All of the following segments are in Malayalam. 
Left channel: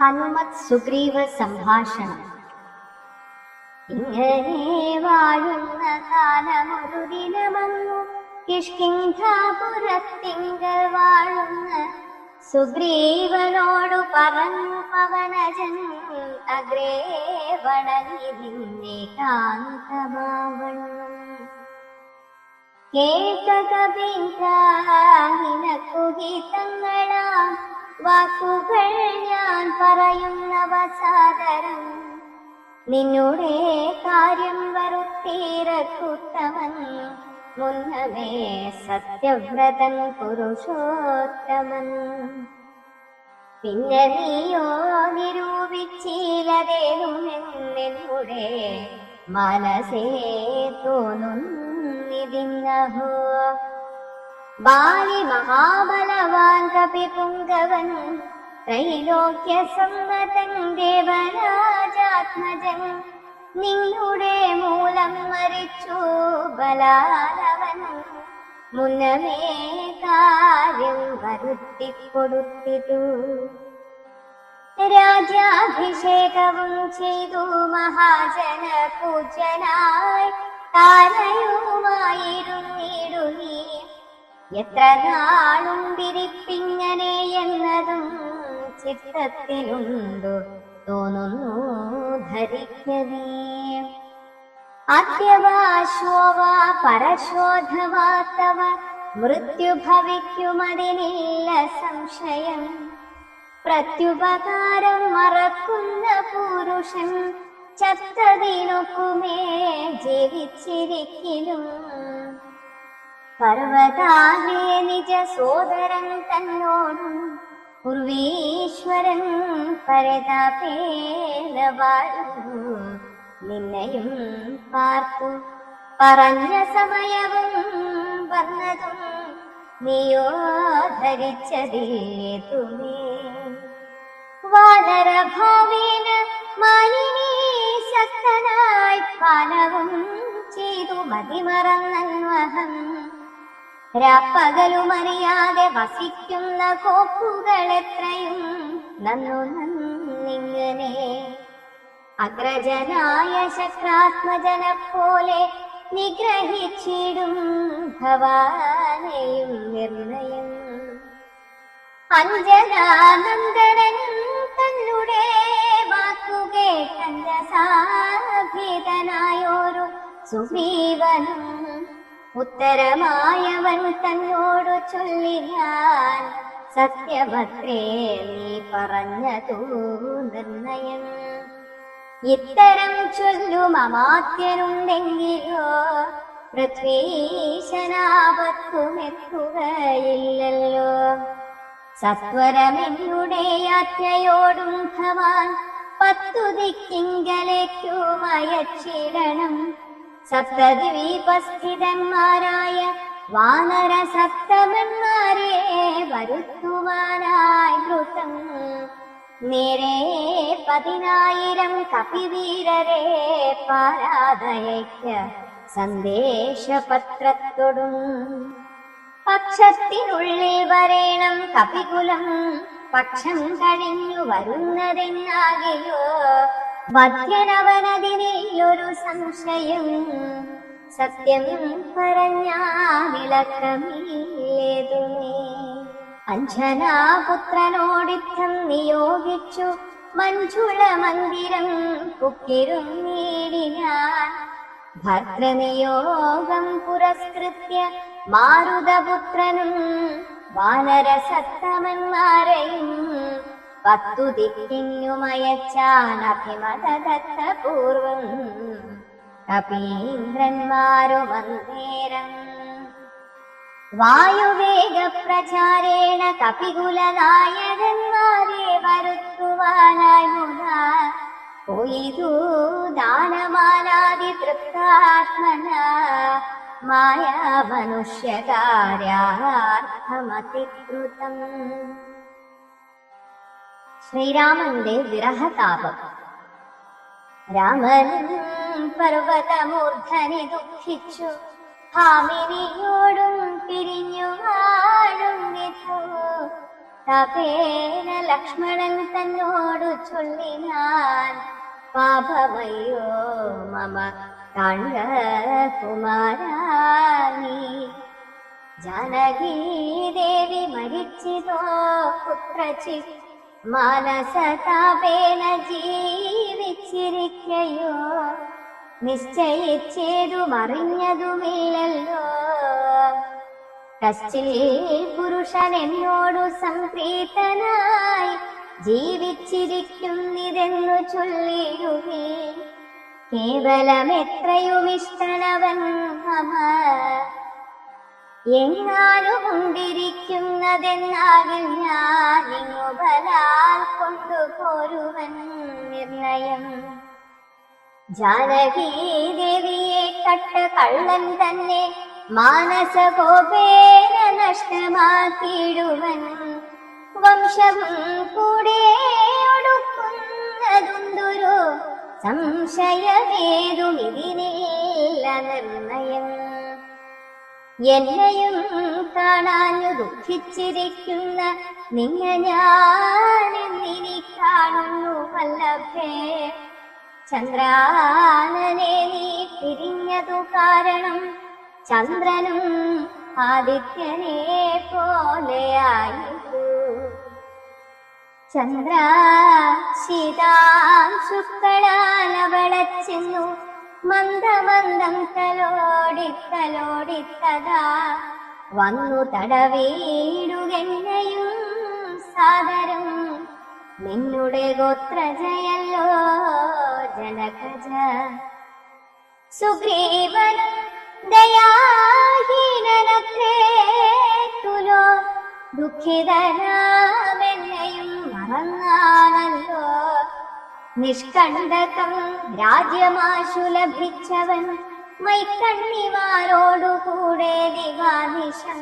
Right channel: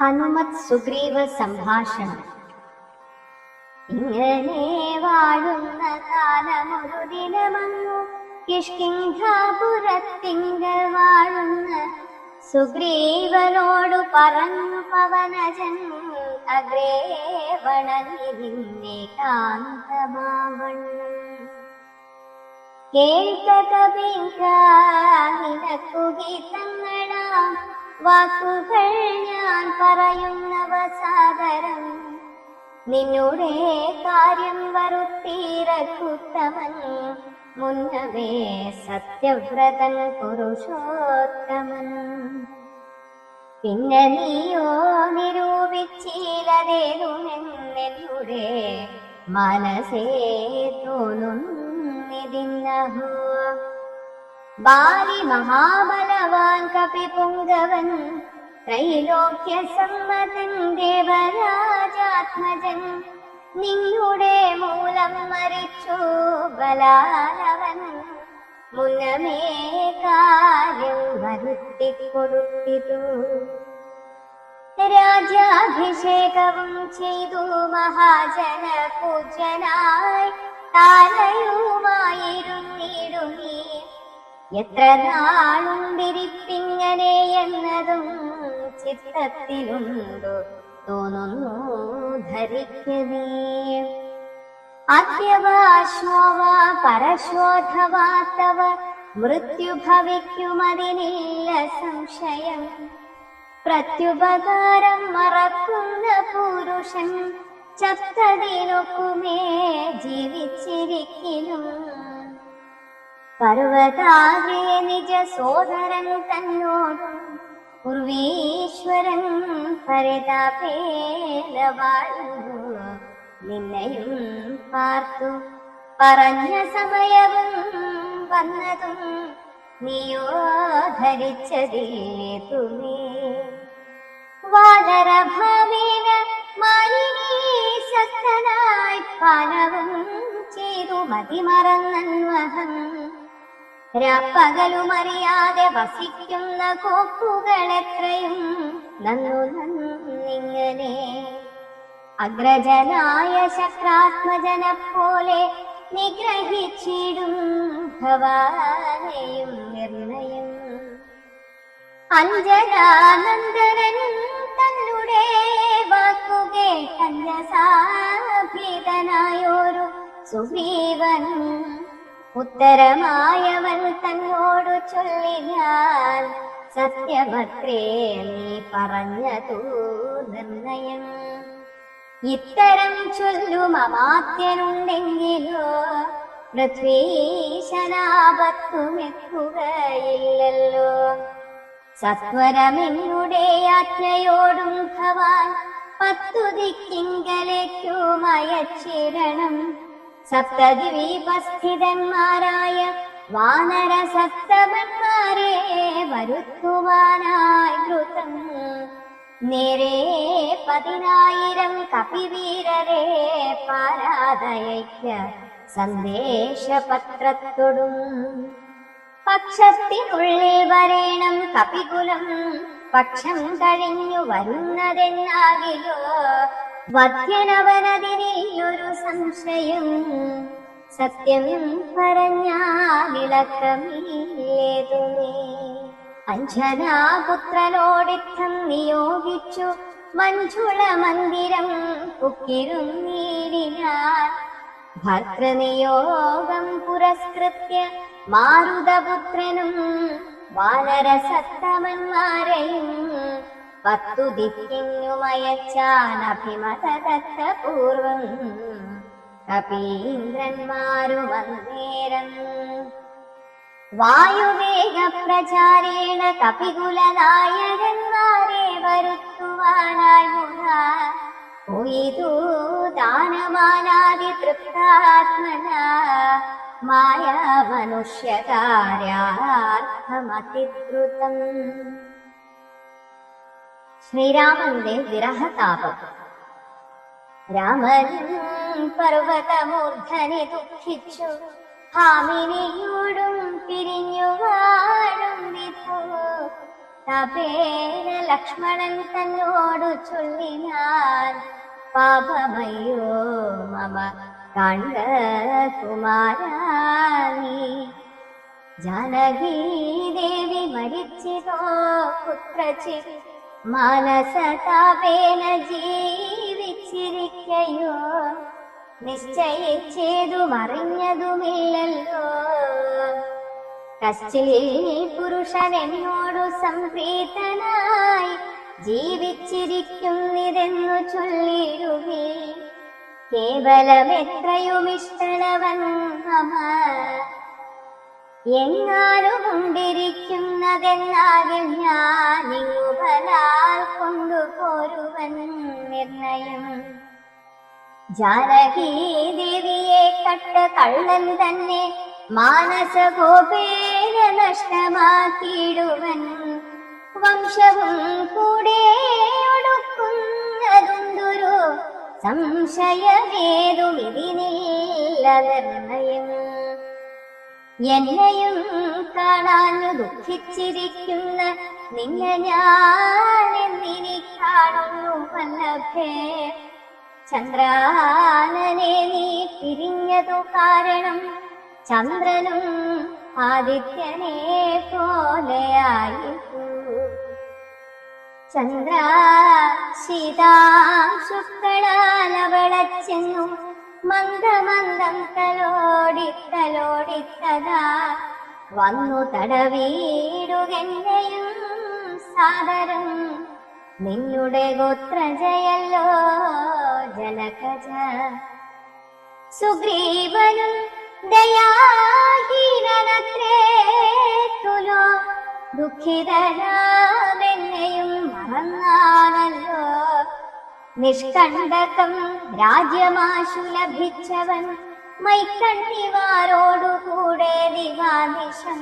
ഹനുമത് സുഗ്രീവ സംഭാഷണം. ഇങ്ങനെ വാഴുന്ന കാലമൊരു ദിനമങ്ങു കിഷ്കിന്ധാപുരത്തിങ്കൽ വാഴുന്ന സുഗ്രീവനോടു പറഞ്ഞു പവനജൻ, അഗ്രേ വണങ്ങിതിന്നെ കാന്തമാവണ്ണം. കേൾക്കകവിനിനക്കു ഗീതങ്ങളാം വാക്കുകൾ ഞാൻ പറയുന്നവ സാദരം. നിന്നുടെ കാര്യം വരുത്തീരക്കുത്തമൻ, മുന്നമേ സത്യവ്രതൻ പുരുഷോത്തമൻ. പിന്നെ നീയോ നിരൂപിച്ചില്ലതേനുമെന്നുടെ മനസ്സേ തോന്നുന്നിതിന്നഹോ. ബാലി മഹാബലവാൻ കപി പുങ്കവൻ, ത്രൈലോക്യ സമ്മതൻ ദേവരാജാത്മജൻ. നിങ്ങളുടെ മൂലം മരിച്ചു ബലാരവൻ, മുന്നമേ കാര്യം വരുത്തിക്കൊടുത്തിതു. രാജ്യാഭിഷേകവും ചെയ്തു മഹാജന പൂജനായി താരയുമായിരുന്നു നീ. എത്ര നാളുണ്ടിരിപ്പിങ്ങനെ എന്നതും ചിത്തത്തിലുണ്ടു തോന്നുന്നു ധരിക്കതേ. അദ്യവാശോവാ പരശോധവാത്തവ മൃത്യു ഭവിക്കുമതിനില്ല സംശയം. പ്രത്യുപകാരം മറക്കുന്ന പുരുഷൻ ചത്തതിനൊക്കുമേ ജീവിച്ചിരിക്കലും. പർവതാഗ്രേ നിജ സോദരൻ തന്നോടും പൂർവീശ്വരൻ പരിതാപേന വാഴുന്നു. നിന്നെയും പാർത്തു പറഞ്ഞ സമയവും വന്നതും നീയോ ധരിച്ചതേതുമേ. വാനരഭാവേന മാനിനീ സക്തനായി പാലവും ചെയ്തു മതിമറന്നഹം. രാപ്പകലുമറിയാതെ വസിക്കുന്ന കോപ്പുകളെത്രയും നന്നിങ്ങനെ. അഗ്രജനായ ശക്രാത്മജനെപ്പോലെ നിഗ്രഹിച്ചിടും ഭവാനെയും നിർണയം. അഞ്ജനാനന്ദനും തന്നുടെ വാക്കുകേട്ടഞ്ഞസാഭീതനായൊരു സുഗ്രീവനും ഉത്തരമായവൾ തന്നോടു ചൊല്ലിനാൽ, സത്യഭദ്രേ നീ പറഞ്ഞതു നിർണയം. ഇത്തരം ചൊല്ലും അമാത്യനുണ്ടെങ്കിലോ പൃഥ്വീശനാപത്തുമെത്തുകയില്ലല്ലോ. സത്വരമെന്നുടെ ആജ്ഞയോടും ഭവാൻ 10 ദിക്കിങ്കലേക്കും അയച്ചിടണം. സപ്തദ്വീപസ്ഥിതന്മാരായ വാനര സപ്തമന്മാരെ വരുത്തുവാനായി ദ്രുതം. നേരെ 10,000 കപിവീരരെ പാരാതയയ്ക്ക സന്ദേശപത്രത്തോടും. പക്ഷത്തിനുള്ളിൽ വരേണം കപികുലം, പക്ഷം കഴിഞ്ഞു വരുന്നതെന്നാകിലോ വധ്യനവനതിനെയൊരു സംശയം. സത്യം പറഞ്ഞാലിളക്കമേതുമേ. അഞ്ജനാപുത്രനോടിത്തം നിയോഗിച്ചു മഞ്ജുള മന്ദിരം പുക്കിരുന്നീടിനാൻ. ഭർതൃനിയോഗം പുരസ്കൃത്യ മാരുതപുത്രനും വാനരസത്തമന്മാരെയും 10 ദിക്കിനുമയച്ചാനഭിമതദത്തപൂർവം. കപീന്ദ്രന്മാരുമന്നേരം വായുവേഗപ്രചാരേണ കപികുലനായകന്മാരെ വരുത്തുവാനായി മുതാ പോയിതു ദാനമാനാദി തൃപ്താത്മന. മായാമനുഷ്യകാര്യാർത്ഥമതിദ്രുതം. ശ്രീരാമന്റെ വിരഹതാപം. രാമനും പർവതമൂർധനി ദുഃഖിച്ചു ഭാമിനിയോടും പിരിഞ്ഞു വാഴും വിധു. തപേന ലക്ഷ്മണൻ തന്നോടു ചൊല്ലിനാൻ, പാപമയ്യോ മമ കാൺക കുമാരാനി. ജാനകീ ദേവി മരിച്ചിതോ പുത്രചി, മാനസതാപേന ജീവിച്ചിരിക്കയോ, നിശ്ചയിച്ചേതും അറിഞ്ഞതുമില്ലല്ലോ. കശ്ചിൽ പുരുഷൻ എന്നോടു സംപ്രീതനായി ജീവിച്ചിരിക്കുന്നിതെന്നു ചൊല്ലിടുവേ. കേവലം എത്രയും ഇഷ്ടനവൻ മമ, എങ്ങാനും കൊണ്ടിരിക്കുന്നതെന്നാകിൽ ഞാനിങ്ങു ബലാൽ കൊണ്ടുപോരുവൻ നിർണയം. ജാനകീ ദേവിയെ കണ്ട കള്ളൻ തന്നെ മാനസകോപേന നഷ്ടമാക്കിയിടുവൻ. വംശവും കൂടെ ഒടുക്കുന്നതുണ്ടൊരു സംശയമേതു ഇതിനില്ല നിർണയം. എന്നെയും കാണാഞ്ഞു ദുഃഖിച്ചിരിക്കുന്ന നിന്നെ ഞാൻ എന്നിനി കാണുന്നു വല്ലഭേ. ചന്ദ്രാനനെ നീ പിരിഞ്ഞതു കാരണം ചന്ദ്രനും ആദിത്യനെ പോലെയായിപ്പോ. ചന്ദ്ര ശീതാംശുക്കളാലവളച്ചെന്നു മന്ദമന്ദം തലോടിത്തലോടിത്തതാ വന്നു തടവീടുകെന്നെയും സാദരം. നിന്നുടെ ഗോത്രജയല്ലോ ജനകജ. സുഗ്രീവനും ദയാഹീനനത്രേ തുലോ, ദുഃഖിതനാമെന്നെയും മറന്നാണല്ലോ. നിഷ്കണ്ടകം രാജ്യമാശു ലഭിച്ചവൻ മൈക്കണ്ണിമാരോടുകൂടെ നിവാനിശം.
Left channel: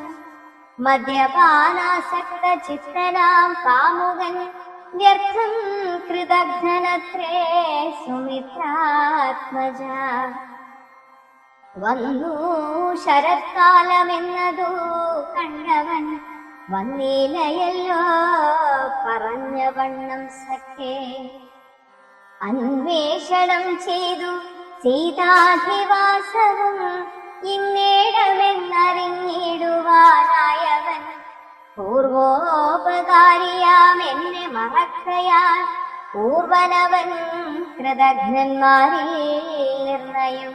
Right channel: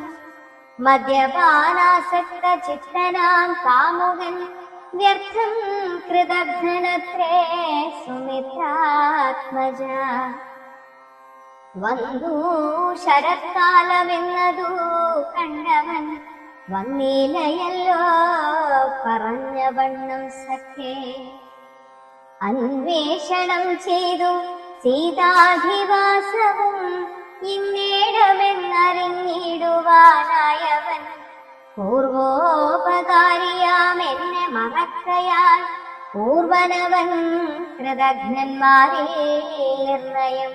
മദ്യപാനാസക്ത ചിത്തനാം കാമുകൻ വ്യർത്ഥം കൃതഘ്നത്രേ സുമിത്രാത്മജ. വന്നു ശരത്കാലമെന്നതു കണ്ടവൻ വന്നീലയല്ലോ പറഞ്ഞ വണ്ണം സഖേ. അന്വേഷണം ചെയ്തു സീതാധിവാസവും ഇന്നേടമെന്നറിഞ്ഞിടുവാനായവൻ. പൂർവോപകാരിയാം എന്നെ മറക്കയാൽ പൂർവനവൻ കൃതജ്ഞന്മാരിൽ നിർണയം.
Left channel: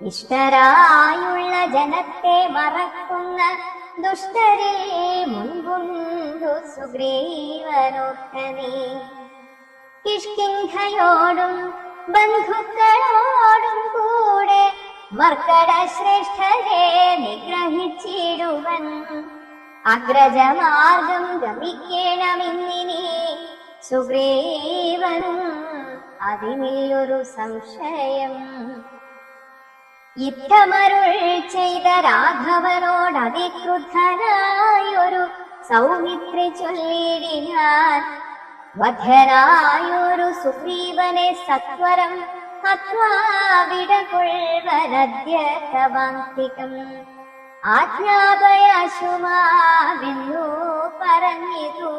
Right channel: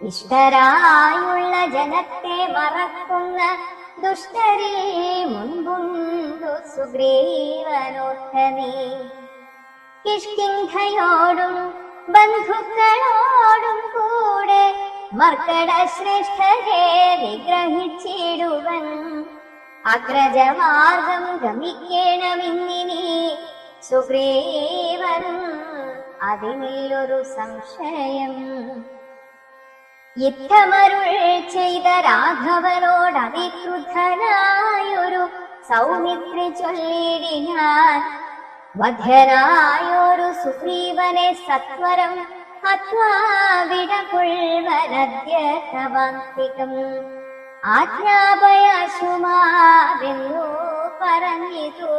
ഇഷ്ടരായുള്ള ജനത്തെ മറക്കുന്ന ദുഷ്ടരെ മുൻപുണ്ടു സുഗ്രീവനോർത്തനീ. കിഷ്കിന്ധയോടും ബന്ധുക്കളോടും കൂടെ മർക്കട ശ്രേഷ്ഠരെ നിഗ്രഹിച്ചിടുവൻ. അഗ്രജമാർഗം ഗമിക്കേണമിന്നിനി സുഗ്രീവനും അതിലൊരു സംശയം. യുദ്ധമരുൾ ചെയ്ത രാഘവനോട് അതിക്രുദ്ധനായൊരു സൗമിത്രി ചൊല്ലിടിനാൻ. വധ്യനായൊരു സുഗ്രീവനെ സത്വരം ഹത്വാവിടകൊള്ളുവനദ്യ തവാന്തികം. ആജ്ഞാപയാശുമാവെന്നു പറഞ്ഞിതു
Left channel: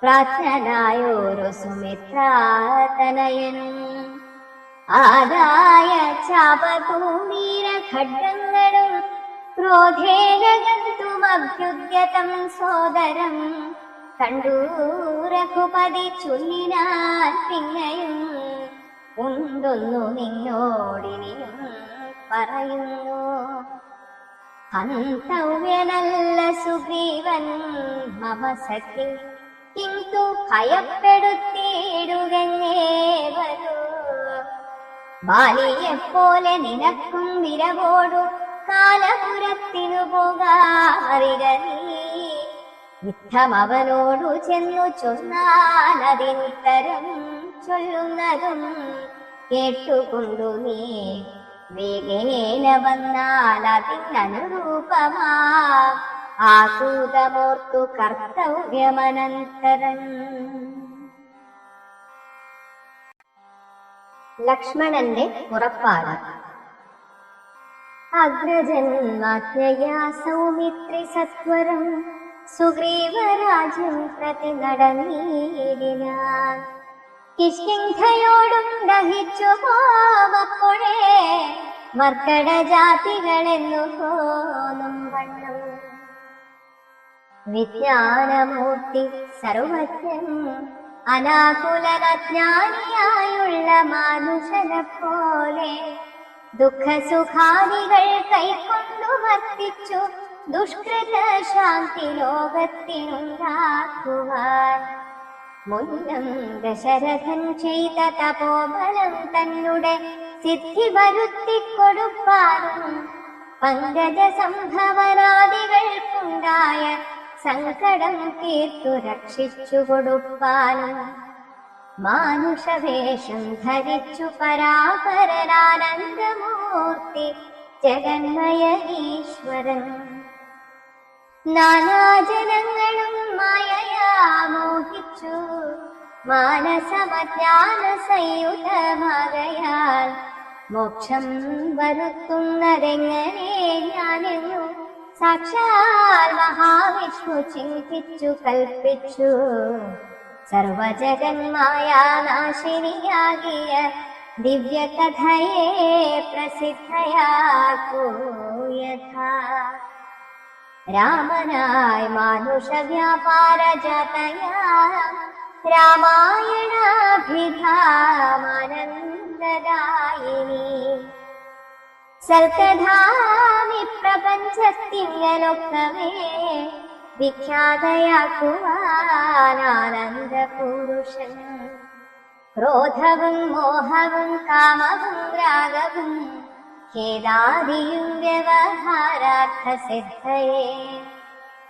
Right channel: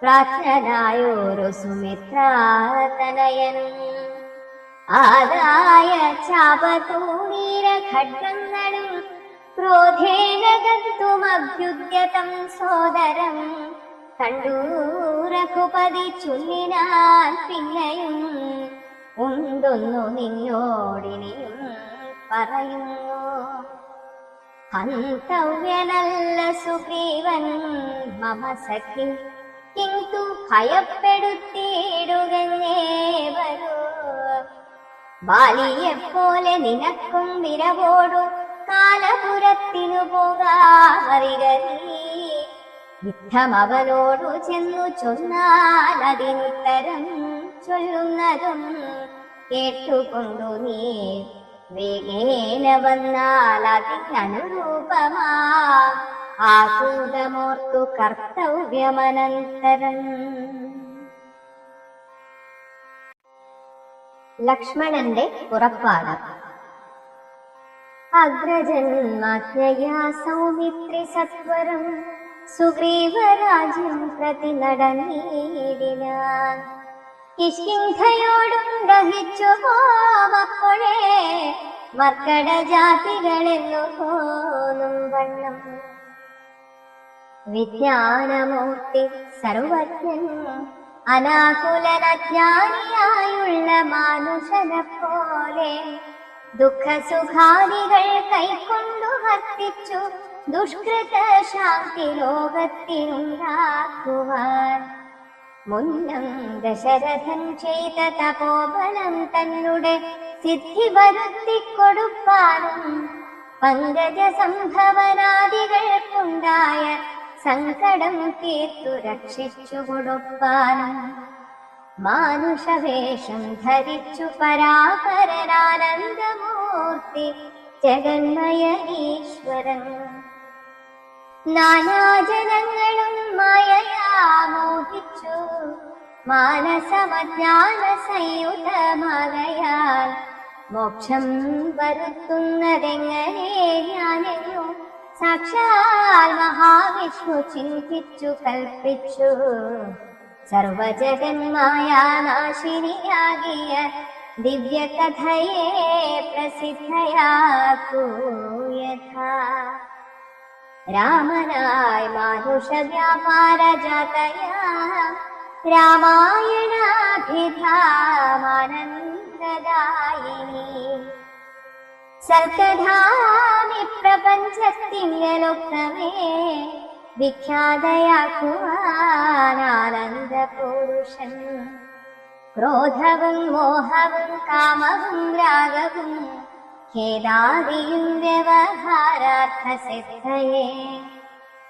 പ്രാർത്ഥനായൊരു സുമിത്രാതനയൻ. ആദായ ചാപതൂണീര ഖഡ്ഗങ്ങളും ക്രോധേന ഗന്തുമഭ്യുദ്യതം സോദരം. കണ്ടു രഘുപതി ചൊല്ലിനാൻ പിന്നെയും ഉണ്ടൊന്നു നിന്നോടിനിയും പറയുന്നു. ഹന്തവ്യനല്ല സുഗ്രീവൻ മമ സഖി, കിന്തു ഭയപ്പെടുത്തിയിടുകന്നേ വരൂ. ബാലിയെപ്പോലെ നിനക്കും വിരവോടു കാലപുരത്തിനു പോകാറിരനീ. യുദ്ധമവനോടു ചെന്നു ചൊന്നാനതിനുത്തരം ചൊല്ലുന്നതും കേട്ടുകൊണ്ടു നീ വേഗേന വന്നാൽ അതിനനുരൂപമാ ആകൂതമോർത്തു കർത്തവ്യമനന്തരം. ലക്ഷ്മണന്റെ പുറപ്പാട്. അഗ്രജന്മാജ്ഞയാ സൗമിത്രി സത്വരം സുഗ്രീവരാജ്യം പ്രതി നടന്നിടിനാൻ. കിഷ്കിന്ധയോടും ദഹിച്ചു പോവപ്പോഴേ മർക്കട ജാതികളെന്നു പോന്നും വണ്ണം. വിജ്ഞാനമൂർത്തി സർവജ്ഞൻ അനാകുലനജ്ഞാനിയായുള്ള മാനുഷനെ പോലെ ദുഃഖസുഖാദികൾ കൈക്കൊണ്ടു വർത്തിച്ചു ദുഷ്കൃത ശാന്തി ലോകത്തിനുണ്ടാക്കുവാൻ. മുന്നം ദശരഥൻ ചെയ്ത തപോബലം തന്നെ സിദ്ധി വരുത്തിക്കൊടുപ്പാനും പങ്കജ സംഭവനാദികൾക്കുണ്ടായ സങ്കടം തീർത്തു രക്ഷിച്ചു കൊടുപ്പാനും മാനുഷവേഷം ധരിച്ചു പരാപരനാനന്ദമൂർത്തി ജഗന്മയീശ്വരൻ. നാനാജനങ്ങളും മായയാ മോഹിച്ചു മാനസമജ്ഞാന സംയുതമാകയാൽ മോക്ഷം വരുത്തുന്നതെങ്ങനെ ഞാനെന്നു സാക്ഷാൽ മഹാവിഷ്ണു ചിന്തിച്ചു കൽപ്പിച്ചു. സർവജഗന്മായ നാശിനിയാകിയ ദിവ്യകഥയെ പ്രസിദ്ധയാക്കൂ യഥാ. രാമനായി മാനുഷ വ്യാപാര ജാതയാ രാമായണാഭിധാമാനന്ദദായിനി. സൽക്കഥാമി പ്രപഞ്ചത്തിങ്കലൊക്കമേ വിഖ്യാതയാക്കുവാനാനന്ദ പുരുഷൻ. ക്രോധവും മോഹവും കാമവും രാഗവും ഖേദാദിയും വ്യവഹാരാർത്ഥ സിദ്ധയേ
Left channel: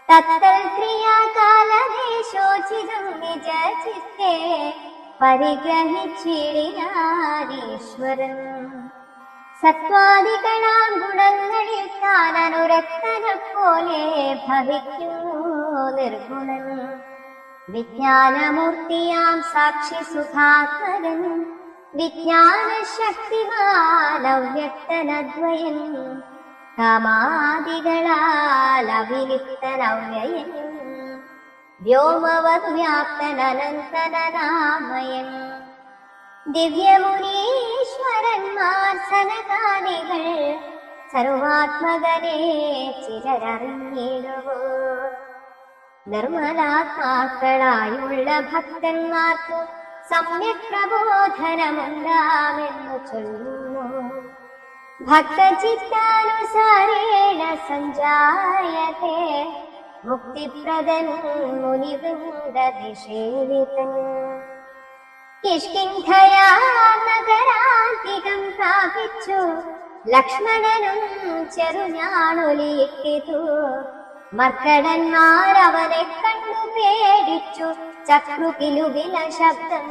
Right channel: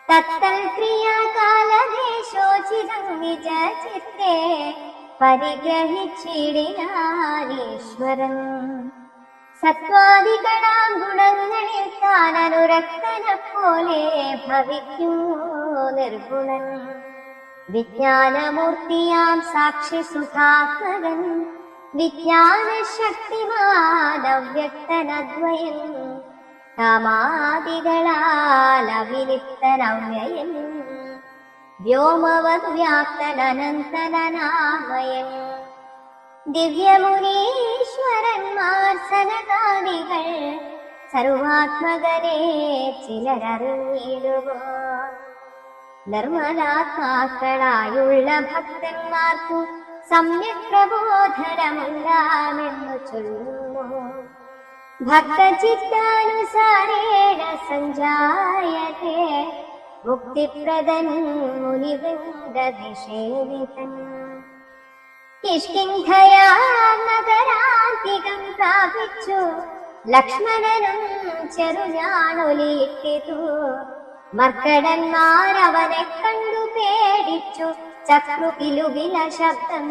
തത്തൽ ക്രിയാകാലദേശോചിതം നിജ ചിത്തേ പരിഗ്രഹിച്ചിടിനാനീശ്വരൻ. സത്വാദികളാം ഗുണങ്ങളിൽ കാലനുരക്തനെ പോലെ ഭവിക്കുന്നു നിർഗുണൻ. വിജ്ഞാനമൂർത്തിയാം സാക്ഷി സുഖാത്മകൻ വിജ്ഞാനശക്തിമാനവ്യക്തനദ്വയൻ കാമാദികളാലവിലിപ്തനവ്യയൻ വ്യോമവദ്വ്യാപ്തനനന്തനാമയൻ. ദിവ്യമുനീശ്വരന്മാർ സനകാദികൾ സർവാത്മകനെ ചിലരറിഞ്ഞിടുവോ. നിർമ്മലാത്മാക്കളായുള്ള ഭക്തന്മാർക്കു സമ്യക് പ്രബോധനമുണ്ടാമെന്നു ചൊല്ലുന്നു. ഭക്തചിത്താനുസാരേണ സഞ്ജായത്തെ മുക്തിപ്രദൻ മുനിവൃന്ദവിഷേവിതൻ. കിഷ്കിന്ധയാ നഗരാന്തികം പ്രാപിച്ചു ലക്ഷ്മണനും ചെറുഞാണൊലിയിട്ടിതു. മർക്കടന്മാരവനെ കണ്ടു പേടിച്ചു ചക്രുകിലുകില ശബ്ദം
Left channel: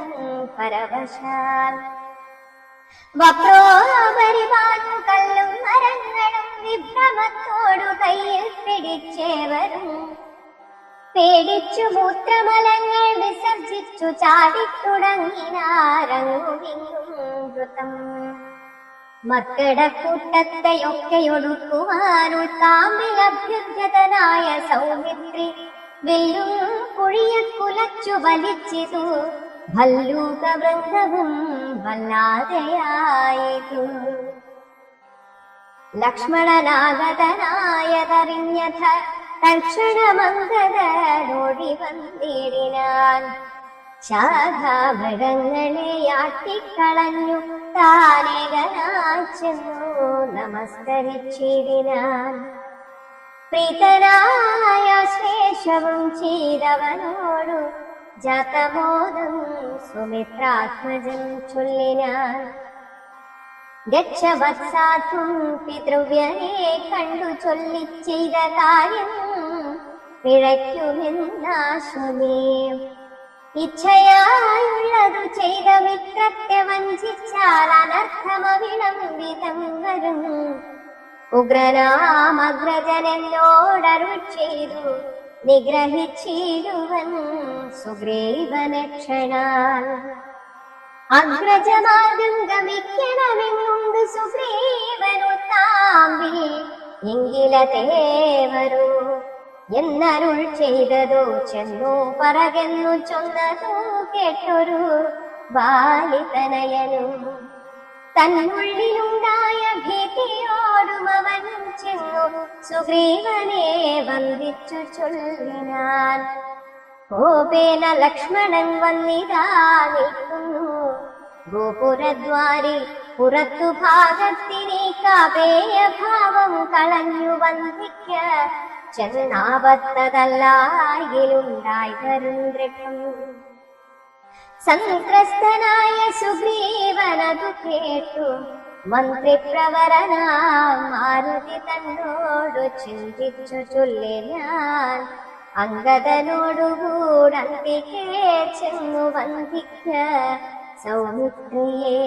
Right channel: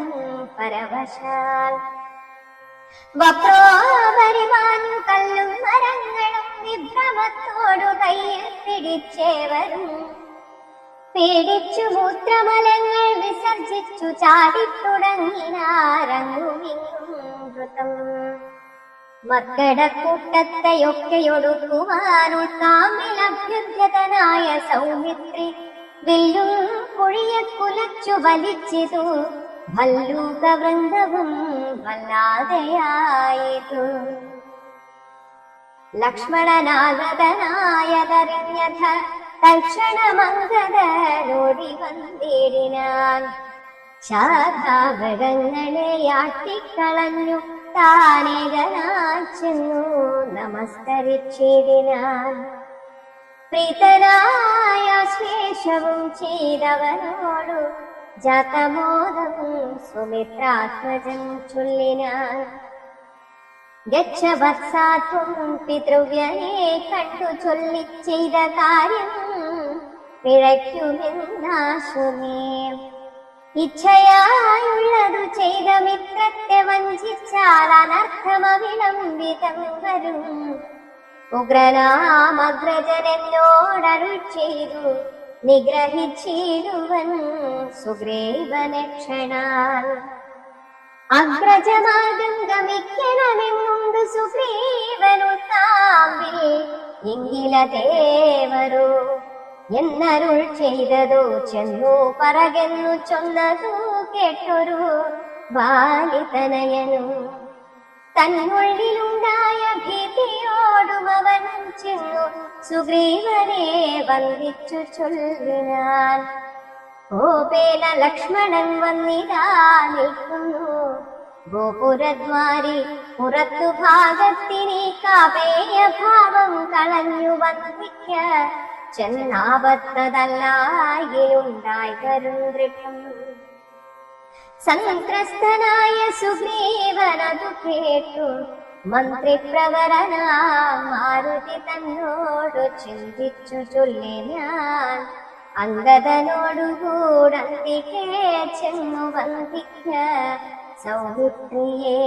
പരവശാൽ. വക്രോപരിമാഞ്ഞു കല്ലും മരങ്ങളും വിഭ്രമത്തോടു കയ്യിൽ പിടിച്ചേവരും പേടിച്ചു മൂത്രമലങ്ങൾ വിസർജിച്ചു ചാടിത്തുടങ്ങിനാരങ്ങുമിങ്ങും ദ്രുതം. മർക്കടക്കൂട്ടത്തെയൊക്കെയൊടുക്കുവാൻ കാമ്പിലഭ്യഗ്രതനായ സൗമിത്രി വില്ലും കുഴിയെ കുലച്ചു വലിച്ചിതു. ഭല്ലൂകവൃന്ദവും വല്ലാതെയായിതു. ലക്ഷ്മണനാഗതനായതറിഞ്ഞഥ തൽക്ഷണമംഗതനോടി വന്നിടിനാൻ. ശാഖാവൃഗങ്ങളെ ആട്ടിക്കളഞ്ഞു താനേകനായി ചെന്നു നമസ്കരിച്ചിടിനാൻ. പ്രീതനായ ശേഷവും ചെയ്തവനോടു ജാതബോധം സുമിത്രാത്മജൻ ചൊല്ലിനാൻ. ഗച്ഛവത്സാത്വം പിതൃവ്യനെ കണ്ടു ചൊല്ലി ചെയ്ത കാര്യം പിഴയ്ക്കുമെന്നാശുനേ. ഇച്ഛയായുള്ളതു ചെയ്ത മിത്രത്തെ വഞ്ചിച്ചാൽ അനർത്ഥമവിളംബിതം വരും. ഉഗ്രനാമഗ്രജനെന്നോടരുൾ ചെയ്തു നിഗ്രഹിച്ചിടുവൻ സുഗ്രീവനക്ഷണാൽ. അഗ്രജമാർഗം ഗമിക്കണമെന്നു സുഗ്രീവനുത്താമ്പിൽ എങ്കിലതേവരോ എന്നരുൾ ചെയ്തതോ ചെന്നോ പറകെന്നു ചൊന്നതോ കേട്ടൊരു ബാലിതനയനും തന്നുള്ളിലുണ്ടായ ഭീതിയോടുമവൻ ചെന്നു സുഗ്രീവനെ വന്ദിച്ചു ചൊല്ലിനാൻ. കോപേന ലക്ഷ്മണൻ വന്നിതാ നിൽക്കുന്നു ഗോപുരദ്വാരി പുറത്തു ഭാഗത്തിനെ കാപേയ ഭാവം കളഞ്ഞു വന്ദിക്ക ചെന്നാവത്തതല്ലായിലുണ്ടായി ദൃഢം. സംത്രസ്തനായ സുഗ്രീവനതു കേട്ടു മന്ത്രിപ്രവരനാം മാരുതി തന്നോടു ചിന്തിച്ചു ചൊല്ലിനാൻ. അംഗദനോടുകൂടത്തിക്കേ ചെന്നു വന്ദിക്ക സൗമിത്രിയെ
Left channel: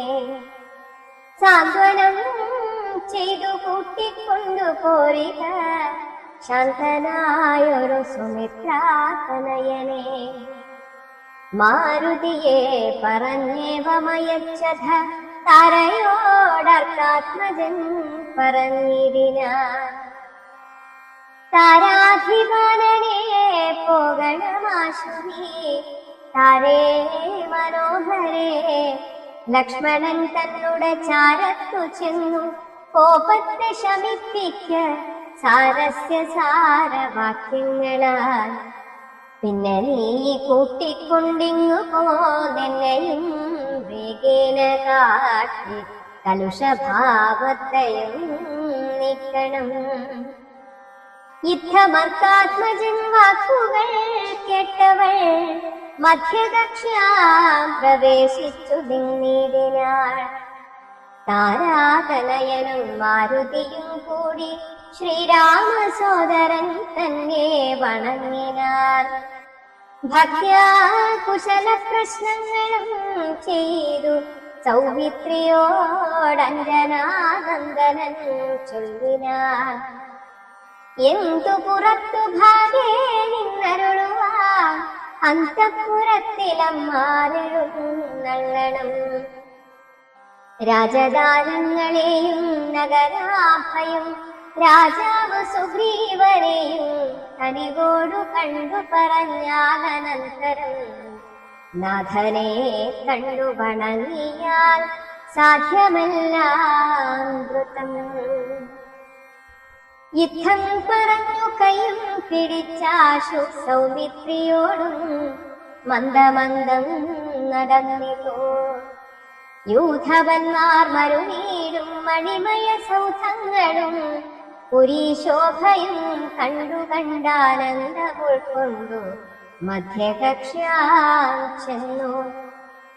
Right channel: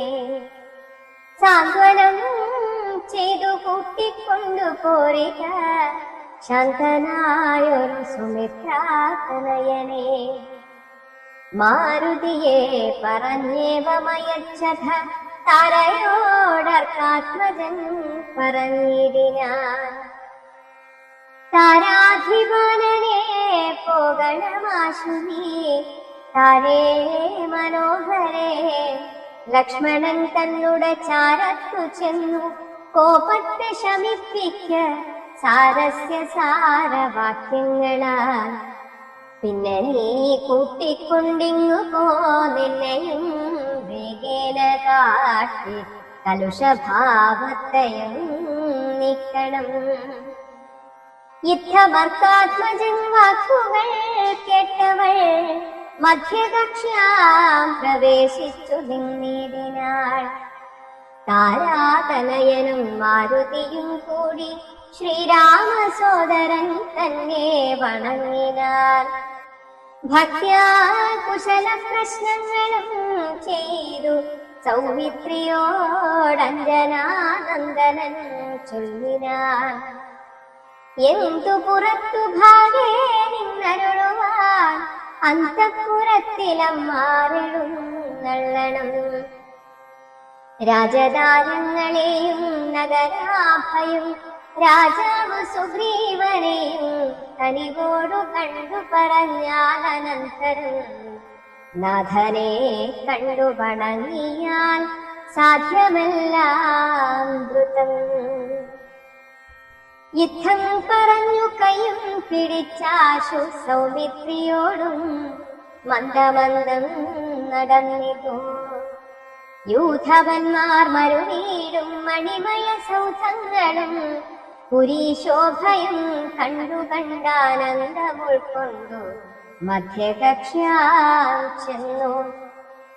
സാന്ത്വനം ചെയ്തു കൂട്ടിക്കൊണ്ടു പോരിക ശാന്തനായൊരു സുമിത്രാതനയനെ. മാരുതിയെ പറഞ്ഞേവമയച്ചഥ താരയോടർക്കാത്മജൻ പറഞ്ഞിരിനാൻ. താരാധിപനെ പോകണമാശുവി താരേ മനോഹരേ. ലക്ഷ്മണൻ തന്നുടെ ചാരത്തു ചെന്നു കോപത്തെ ശമിപ്പിക്ക സാരസ്യ സാരവാക്യങ്ങളാൽ. പിന്നെ നീ കൂട്ടിക്കൊണ്ടിങ്ങു പോന്നെന്നെയും വേഗേന കാട്ടി കലുഷഭാവത്തെയും നീക്കണം. യുദ്ധമർക്കാത്മജൻ വാക്കുകൾ കേട്ടവൾ മധ്യകക്ഷ്യാം പ്രവേശിച്ചു നിന്നിടിനാൾ. താരാതനയനും മാരുതിയും കൂടി ശ്രീരാമസോദരൻ തന്നെ വണങ്ങിനാർ. ഭക്ത്യാ കുശല പ്രശ്നങ്ങളും ചെയ്തു സൗമിത്രിയോടഞ്ജനാനന്ദനൻ ചൊല്ലിനാൻ. എന്തു പുറത്തു ഭാഗ്യേ നിന്നരുളുവാൻ അന്തഃപുരത്തിലമ്മാരെഴുന്നള്ളണം. രാജദാനങ്ങളെയും നഗരാഭയും രാജാവ് സുഗ്രീവനെയും കനിവോടു കണ്ടു പറഞ്ഞാലനന്തരം നാഥനെ കണ്ടു വണങ്ങിയാൽ സാധ്യമെല്ലാം ദ്രുതം. യുദ്ധം പറഞ്ഞു കൈയും പിടിച്ചാശു സൗമിത്രിയോടും മന്ദമന്ദം നടന്നിതു. യൂഥവന്മാർ മരുനീടും മണിമയ സൗധങ്ങളും പുരീശോഭയും കണ്ടു കണ്ടാനന്ദമുൾക്കൊണ്ടു മധ്യകക്ഷ്യാ ചെന്നു.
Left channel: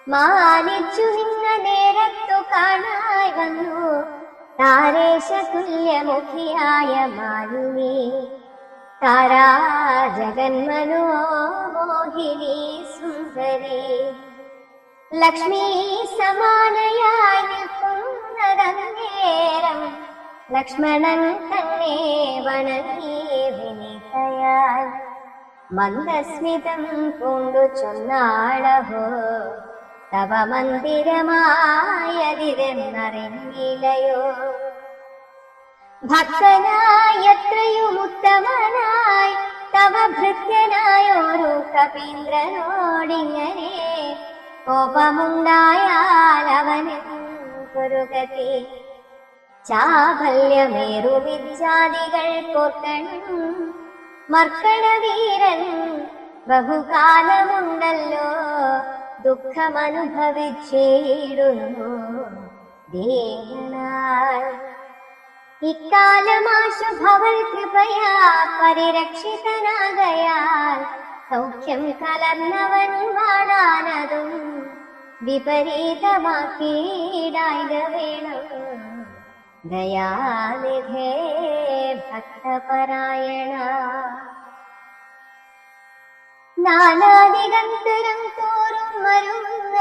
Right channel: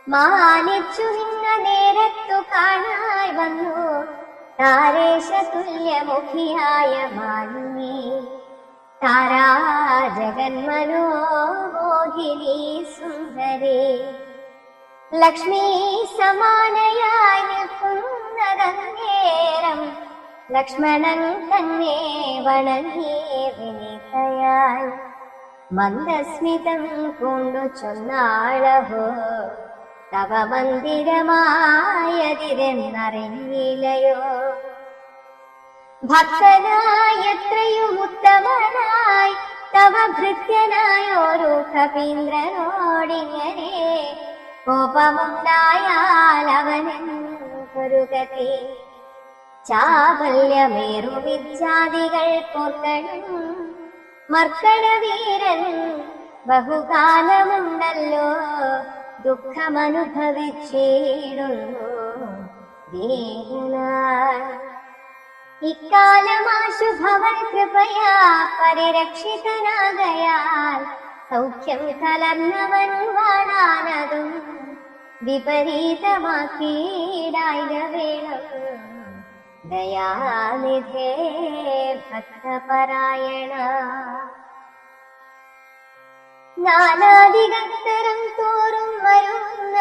മാനിച്ചു നിന്ന നേരത്തു കാണായി വന്നു താരേശ തുല്യമുഖിയായ മാലിനി. താരാ ജഗന്മനോമോഹിനി സുന്ദരി ലക്ഷ്മി സമാനയായി നിൽക്കുന്നതന്നേരം ലക്ഷ്മണൻ തന്നെ വണങ്ങി വിനീതയായി മന്ദസ്മിതം കൊണ്ടു ചൊന്നാളഹോ തവ മന്ദിരമായതിരെന്നറിഞ്ഞില്ലയോ. ഭക്തനായി എത്രയും ഉത്തമനായി തവ ഭൃത്യനായോരു കപീന്ദ്രനോടിങ്ങനെ കോപമുണ്ടായാൽ അവനെന്തൊരു ഗതി. ചാപല്യമേറുമിച്ഛാദികൾ കോർക്കണം മർക്കടവീരൻ ബഹുകാലമുണ്ടല്ലോ ദുഃഖമനുഭവിച്ചിടുന്നു ദീനാൾ. ഇക്കാലമാശുഭവൽ കൃപയാ പരിരക്ഷിതനാകയാൽ സൗഖ്യം കലർന്നവൻ വാടാനതും വിപരീതമാക്കിയിടായ്ക വേണം. ദയാനിധേ ഭക്തപരായണ. നാനാദിഗന്ധരം തോറും വരുന്ന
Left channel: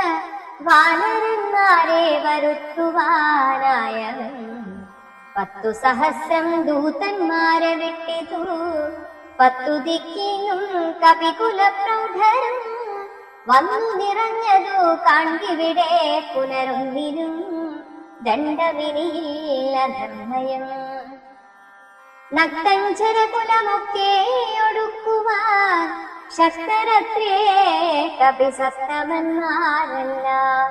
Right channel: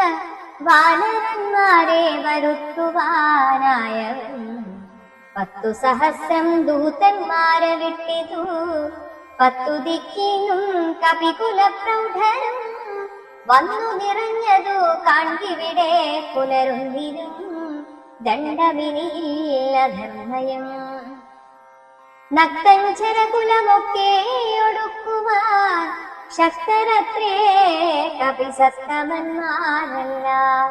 വാനരന്മാരെ വരുത്തുവാനായവൻ 10 സഹസ്രം ദൂതന്മാരെ വിട്ടിതു. 10 ദിക്കിനും കപികുലപ്രൗഢരും വന്നു നിറഞ്ഞതു കാൺകിവിടെ പുനരുന്തിരും ദണ്ഡവിനിയില്ല ധർമ്മയം. നക്തഞ്ചരകുലമൊക്കെ ഒടുക്കുവാൻ ശക്തരത്രേ കപിസത്തമന്മാരെല്ലാം.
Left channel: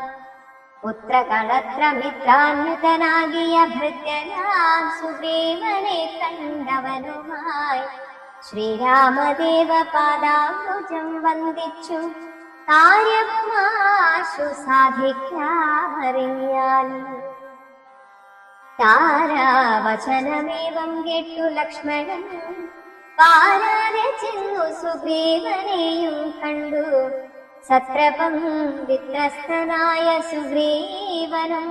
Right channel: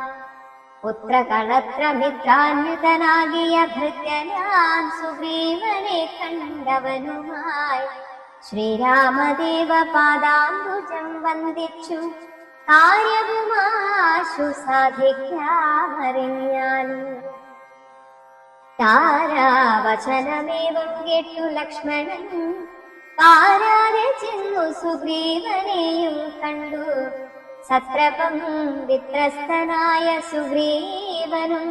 പുത്രകളത്ര മിത്രാന്യുതനാകിയ ഭൃത്യനാൻ സുഗ്രീവനെ കണ്ടവനുമായി ശ്രീരാമദേവ പാദാംബുജം വന്ദിച്ചു കാര്യവുമാശു സാധിക്കാമറിയാൻ. താരാവചനമേവം കേട്ടു ലക്ഷ്മണൻ പാരാതെ ചെന്നു സുഗ്രീവനെയും കണ്ടു. സത്രപം വിത്രസ്തനായ സുഗ്രീവനും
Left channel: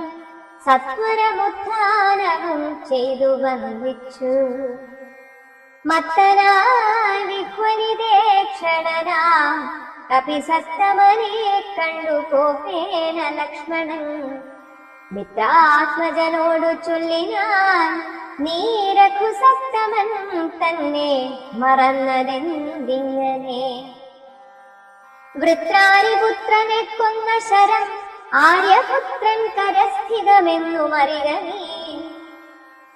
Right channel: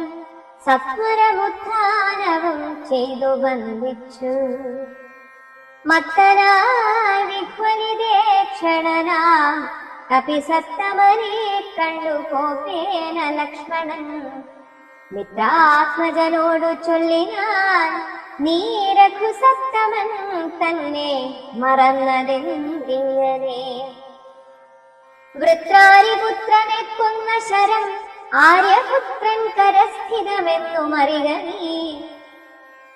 സത്വരമുത്ഥാനവും ചെയ്തു വന്ദിച്ചു. മത്തനായി വിഹ്വലിതേക്ഷണനാം കപിസത്തമനെ കണ്ടു കോപേന ലക്ഷ്മണൻ മിത്രാത്മജനോടു ചൊല്ലിനാൻ, നീ രഘുസത്തമൻ തന്നെ മറന്നതെന്തിങ്ങനെ? വൃത്രാരിപുത്രനെ കൊന്ന ശരം ആര്യപുത്രൻ കരസ്ഥിതമെന്നുമറിയ നീ.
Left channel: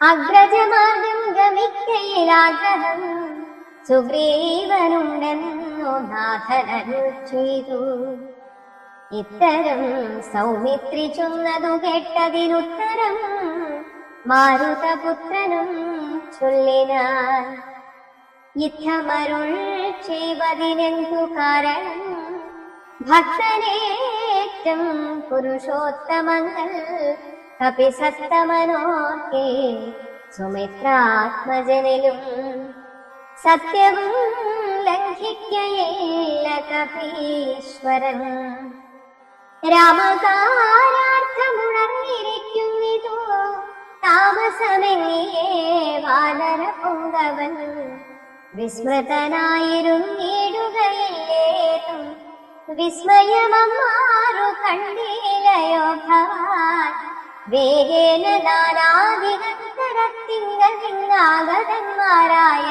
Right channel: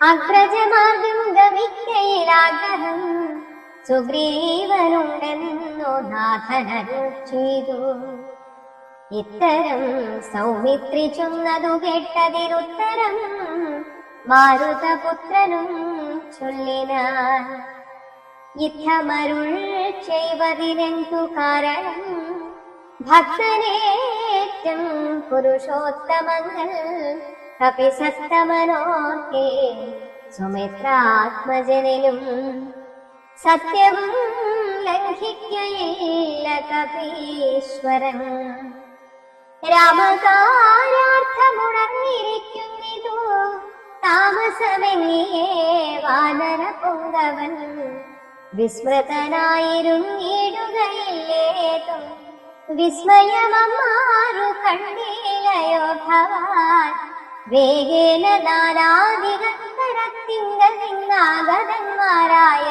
അഗ്രജമാർഗം ഗമിക്കയിലാഗ്രഹം സുഗ്രീവനുണ്ടെന്നു നാഥനൻ ചെയ്തു. ഇത്തരം സൗമിത്രി ചൊന്നതു കേട്ടതിനുത്തരം മാരുതപുത്രനും ചൊല്ലിനാൻ. യുദ്ധമരുൾ ചെയ്വതിനെന്തു കാരണം? ഭക്തരേറ്റം പുരുഷോത്തമങ്ങൾ കപിസത്തമനോർക്കെ സുമിത്രാത്മജനും സത്യവും ലംഘിക്കയില്ല കപീശ്വരൻ. രാമകാര്യാർത്ഥമുണർന്നിരിക്കുന്നിതോ താമസമെങ്ങേ വാനരപുങ്കവൻ. വിസ്മൃതനായിരുന്നിടുകയില്ലേതും വിസ്മയമമാറു കണ്ടിലയോ ഭവാൻ. വേഗേന നാനാധികത്തരത്തിങ്ങാഗതന്മാരായ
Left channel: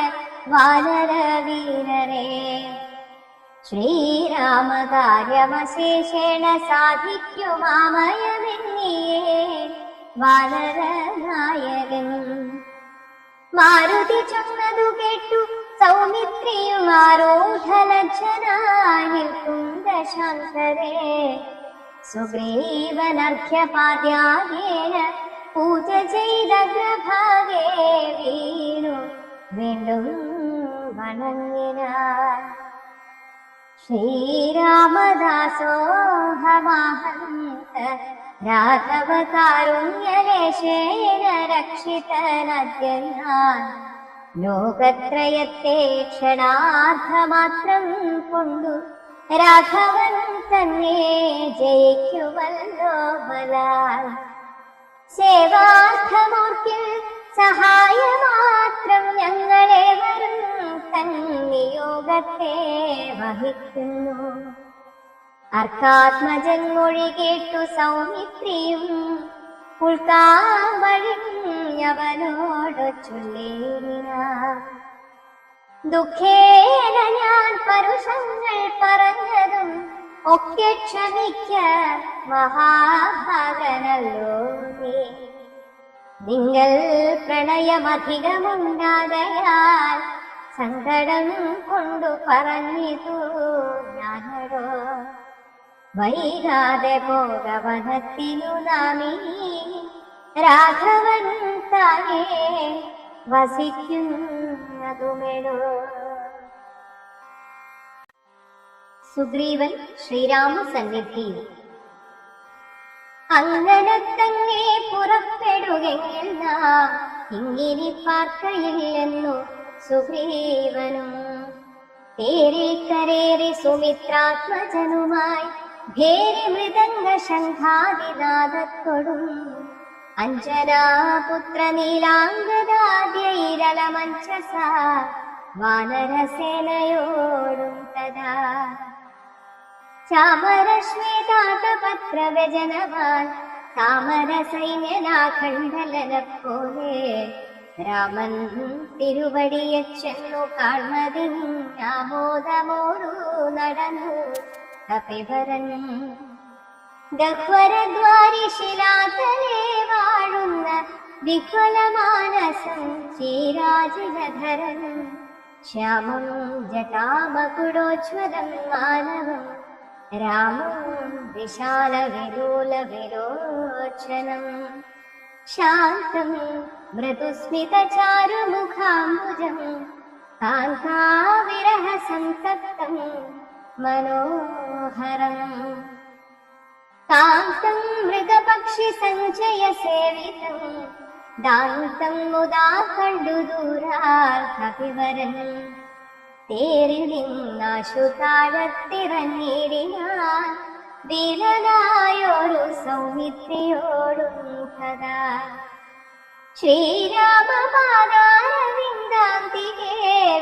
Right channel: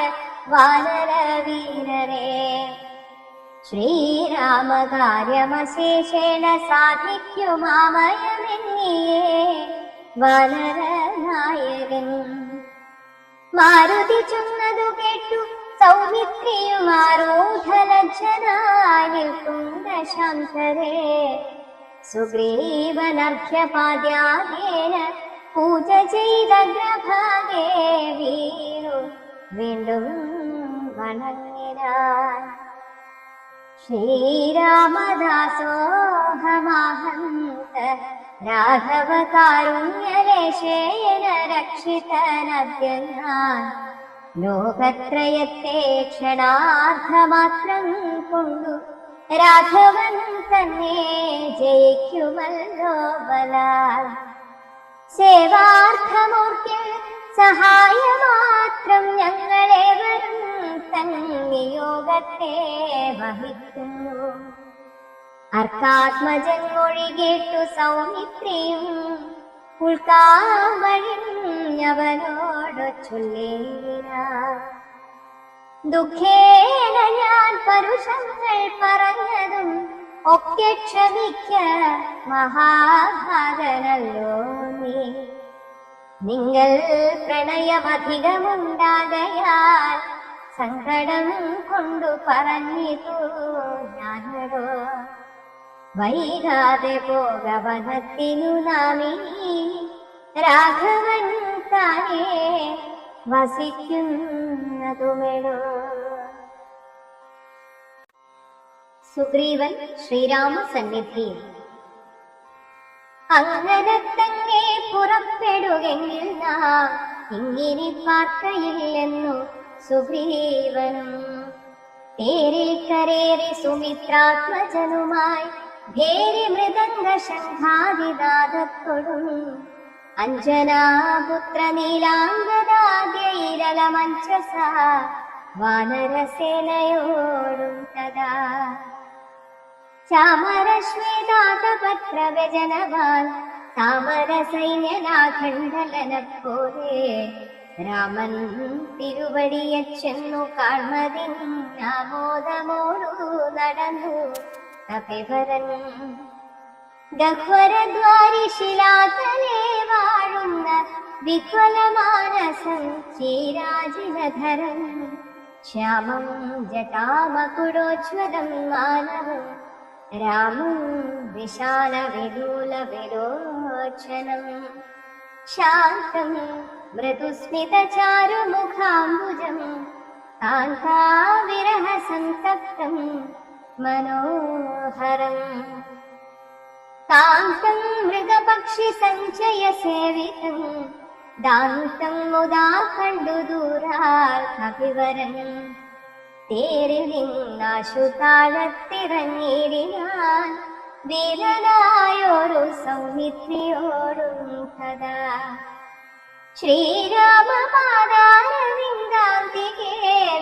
വാനരവീരരെ ശ്രീരാമകാര്യമശേഷേണ സാധിക്കുമാവയമെന്നിയേ വാനരനായകൻ. മാരുതി ചൊന്നതു കേട്ടു സൗമിത്രിയും ആരൂഢലജ്ജനാനിൽക്കുന്തശാന്തരെ സുഗ്രീവനർഘ്യപാദ്യാദേന പൂജ ചെയ്ത ഗ്രഭാഗേ വീണു വീണ്ടും വണങ്ങിനാൻ. ശ്രീരാമദാസോഹമാഹന്ത രാഘവ കാരുണ്യലേശേന രക്ഷിതനദ്യ ഞാൻ. ലോകത്രയത്തെ ക്ഷണാർദ്ധമാത്രം കൊണ്ടു രാഘവൻ തന്നെ ജയിക്കുമല്ലോ ബലാൽ. സേവാർത്ഥമോർക്കൽ സഹായമാത്രം ഞങ്ങളേവരും തൻ നിയോഗത്തെ വഹിക്കുന്നു. അർത്ഥാത്മജൻ മൊഴി കേട്ടു സൗമിത്രിയും ഉൾക്കാവഴിഞ്ഞവനോട് ചൊല്ലിനാൻ. ദുഃഖേന ഞാൻ പരുഷങ്ങൾ പറഞ്ഞതും ഒക്കെ ക്ഷമിക്ക മഹാഭാഗനല്ലോ നീ. നിങ്ങൾ പ്രണയമധികമുണ്ടാകയാൽ സങ്കടം കൊണ്ടു പറഞ്ഞിതു ഞാനൊരു. വൈകാതെ ഭോഗവനത്തിനു നാമിനി രാഘവൻ താനേ വസിക്കുന്നതുമെടോ. സുഗ്രീവൻ ശ്രീരാമസന്നിധിയിൽ. അങ്ങനെ തന്നെ പുറപ്പെടുകെങ്കിൽ നാം ഇങ്ങനെ പാർക്കയില്ലെന്നു സുഗ്രീവനും. തേരിൽ കരേറി സുമിത്രാത്മജനുമായി ഭേരി മൃദംഗ ശംഖാദിനാദത്തോടും അഞ്ജനാപുത്ര നീലാംഗദാദ്യൈരളമഞ്ചസ വാനരസേനയോടും തഥാ. ചാമരശ്വേതാകപത്ര വ്യജനവാൻ താമരസൈന്യനാഖണ്ഡലനപ്പോലെ രാമൻ തിരുവടിയച്ചെന്നു കാൺമതിനാമോദമോടു നടന്നു കപിവരൻ. ഗഹ്വരദ്വാരി ശിലാതലേ വാഴുന്ന വിഹ്വലമാനസം ചേരാജിതധരം ശ്യാമം ജടാമകുടോജ്വലം മാനവം രാമം വിശാല വിലോല വിലോചനം ശാന്തം മൃദുസ്മിത ചാരുമുഖാംബുജം കാന്താവിരഹ സന്തപ്തം മനോഹരം കാന്തം മൃഗപക്ഷി സഞ്ചയ സേവിതം ദാന്തം മുദാ കണ്ടു ദൂരാൽ കവിവരൻ തേരിലിന്നാശു താഴത്തിറങ്ങിയിടിനാൻ വീരനായൊരു സൗമിത്രിയോടും കഥാ ശ്രീരാമപാദാരവിന്ദാന്തികേ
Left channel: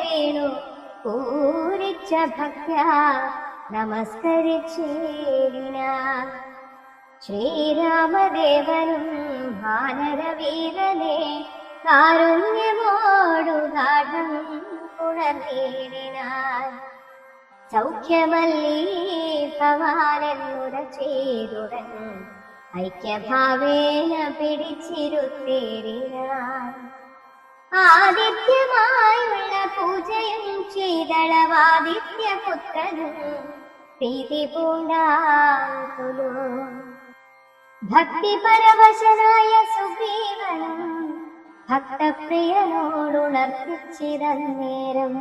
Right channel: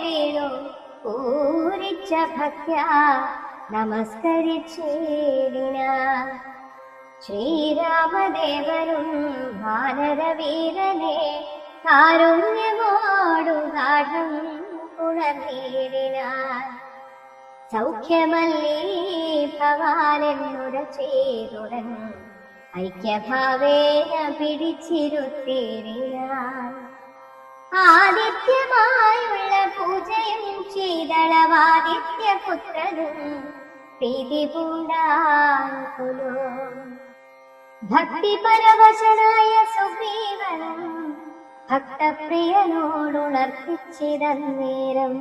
വീണു പൂരിച്ച ഭക്ത്യാ നമസ്കരിച്ചേടിനാൻ ശ്രീരാമദേവനും വാനരവീരനെ കാരുണ്യമോടു ഗാഠം പുണർന്നിടിനാൻ സൗഖ്യമല്ലീ ഭവാനെന്നുടച്ചേതുടൻ ഐക്യഭാവേന പിടിച്ചിരുത്തേടിനാൻ ആദിത്യമായുള്ള പൂജയും ചെയ്തളവാദിത്യപുത്രനും പ്രീതി പൂണ്ടാകുലു ഭക്തിപരവശനായ സുഗ്രീവനും ഭക്തപ്രിയനോടുണർത്തിച്ചിതന്നേരം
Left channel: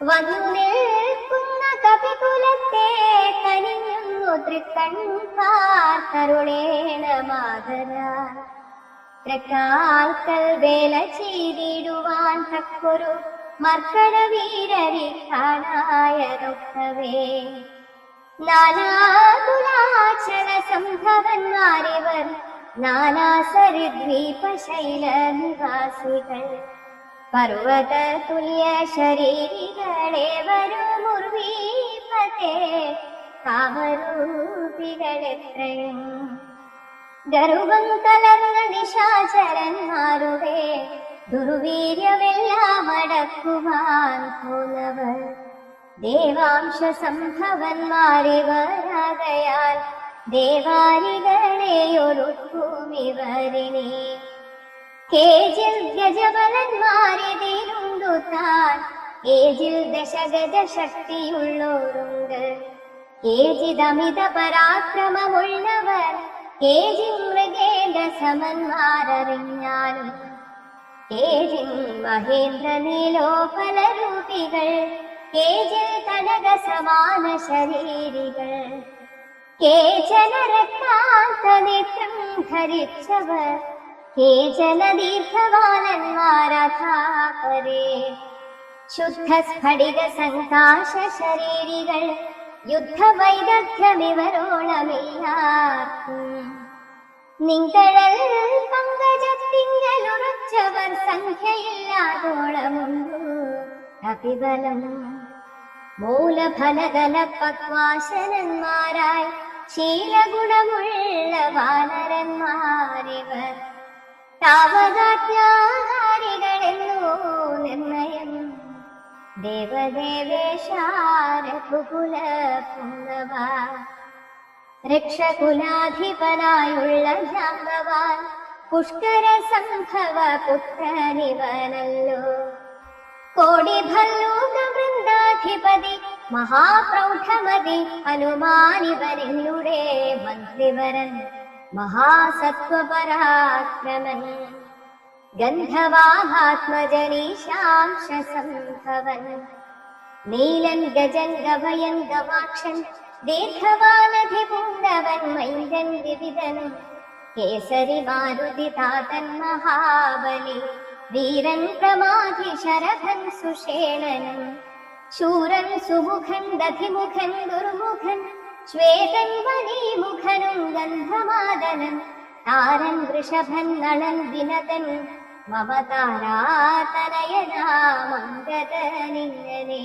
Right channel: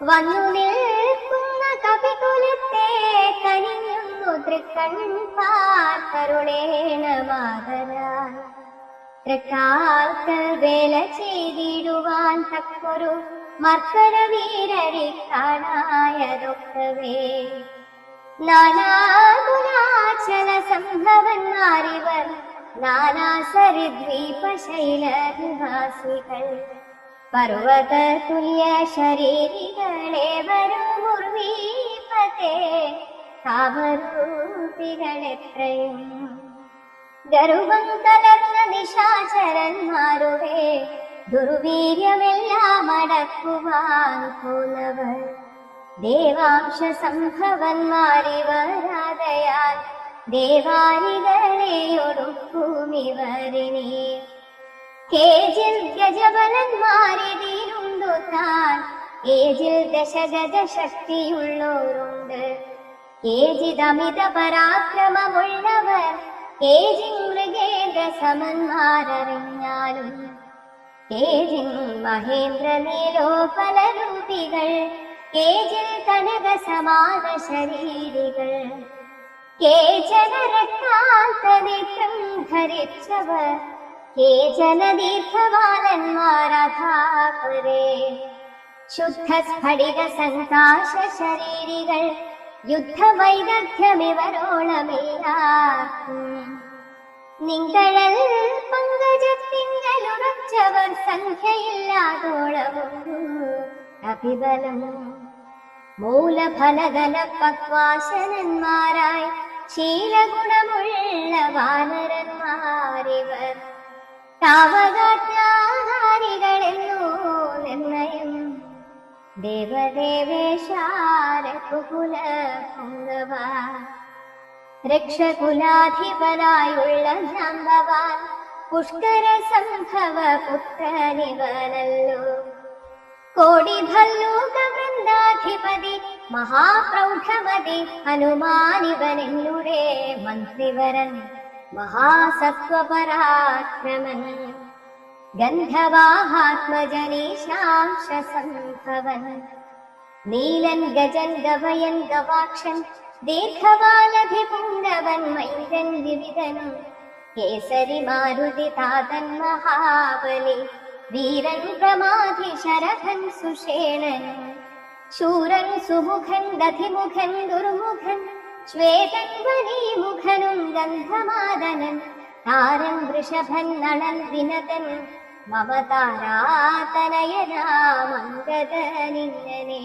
വന്നിൽക്കുന്ന കവികുലത്തെ കനിഞ്ഞു തൃക്കൺ പാർത്തരുളേണ മാതരാൻ തൃക്കാൽക്കൽ വേല ചെയ്തിടുവാൻ തക്കൊരു മർക്കടവീരരെ കാണായതൊക്കവേ നാനാകുലാചല സംഭവന്മാരിവർ നാനാസരിദ്വീപശൈല നിവാസികൾ പർവ്വത തുല്യ ശരീരികളേവരും മുർവീപത്തെ താപരൂപികളെത്രയും ഗർവം കലർന്ന നിശാചരന്മാരുടെ ദുർവീര്യമെല്ലാം അടക്കുവാൻ പോന്നവർ ദേവാംശ സംഭവന്മാരിവരാകയാൽ ദേവാരികളെയൊടുക്കുമിവരിനെ കേജിൽ ഗജബലന്മാരിലുണ്ടു താൻ കേജിൽ ദശഗജ ശക്തിയുള്ളവരുണ്ട് കേജിതമിത പരാക്രമമുള്ളവർ കേജിൻ മൃഗേന്ദ്ര സമന്മാരറിഞ്ഞാലും കേജിൻ മഹേന്ദ്ര നീലോപലരൂപികൾ കേജിൽ കനക സമാന ശരീരികൾ കേചന രക്താന്തനിത്യം ധരിച്ചവർ കേചന ദീർഘവാലന്മാരഥാപരേ ശുദ്ധ സ്ഫടിക സങ്കാശ ശരീരികൾ യുദ്ധവൈദഗ്ധ്യമിവരോളമില്ലാർക്കും നിങ്ങളൽ പങ്കജത്തിങ്കലുറച്ചവർ സംഖ്യയില്ലാതോളമുണ്ടു അഭിബലം മൂലഫലദല പക്വാശരന്മാരായി ശീലഗുണമുള്ള വാനരന്മാരിവർ താവകാത്യാഹാരികളെന്നോ നിർണയം ദേവദേവേശാരഘുകുല പുംഗവ രക്ഷകുലാധിപനായുള്ള ജാമ്പവാൻ പുഷ്കര സംഭവ പുത്രനിവനല്ലോ കോടി ഭല്ലൂക വൃന്ദാധിപതി മഹാപ്രൗഢമതി ഹനുമാനിവനെന്നുടെ മന്ത്രിവരൻ മഹാസത്വപരാക്രമൻ ഗന്ധവാഹാത്മജനീശാംശ സംഭവൻ നീലൻ ഗജൻ ഗവയൻ ഗവാക്ഷൻ ദീർഘവാനധിപുണ്ടവൻ മൈന്ദൻ വിവിധനും കേസരി മാരുതി താതൻ മഹാബലി വീരൻ പ്രമാധി ശരഭൻ സുഷേണനും ശൂരൻ സുമുഖൻ ദധിമുഖൻ ദുർമുഖൻ ശ്വേതൻ വനീമുഖനും ഗന്ധമാദനൻ താരൻ വൃഷഭൻ നളൻ വിനതൻ മമതാരാതനയനാമംഗതനിങ്ങനെ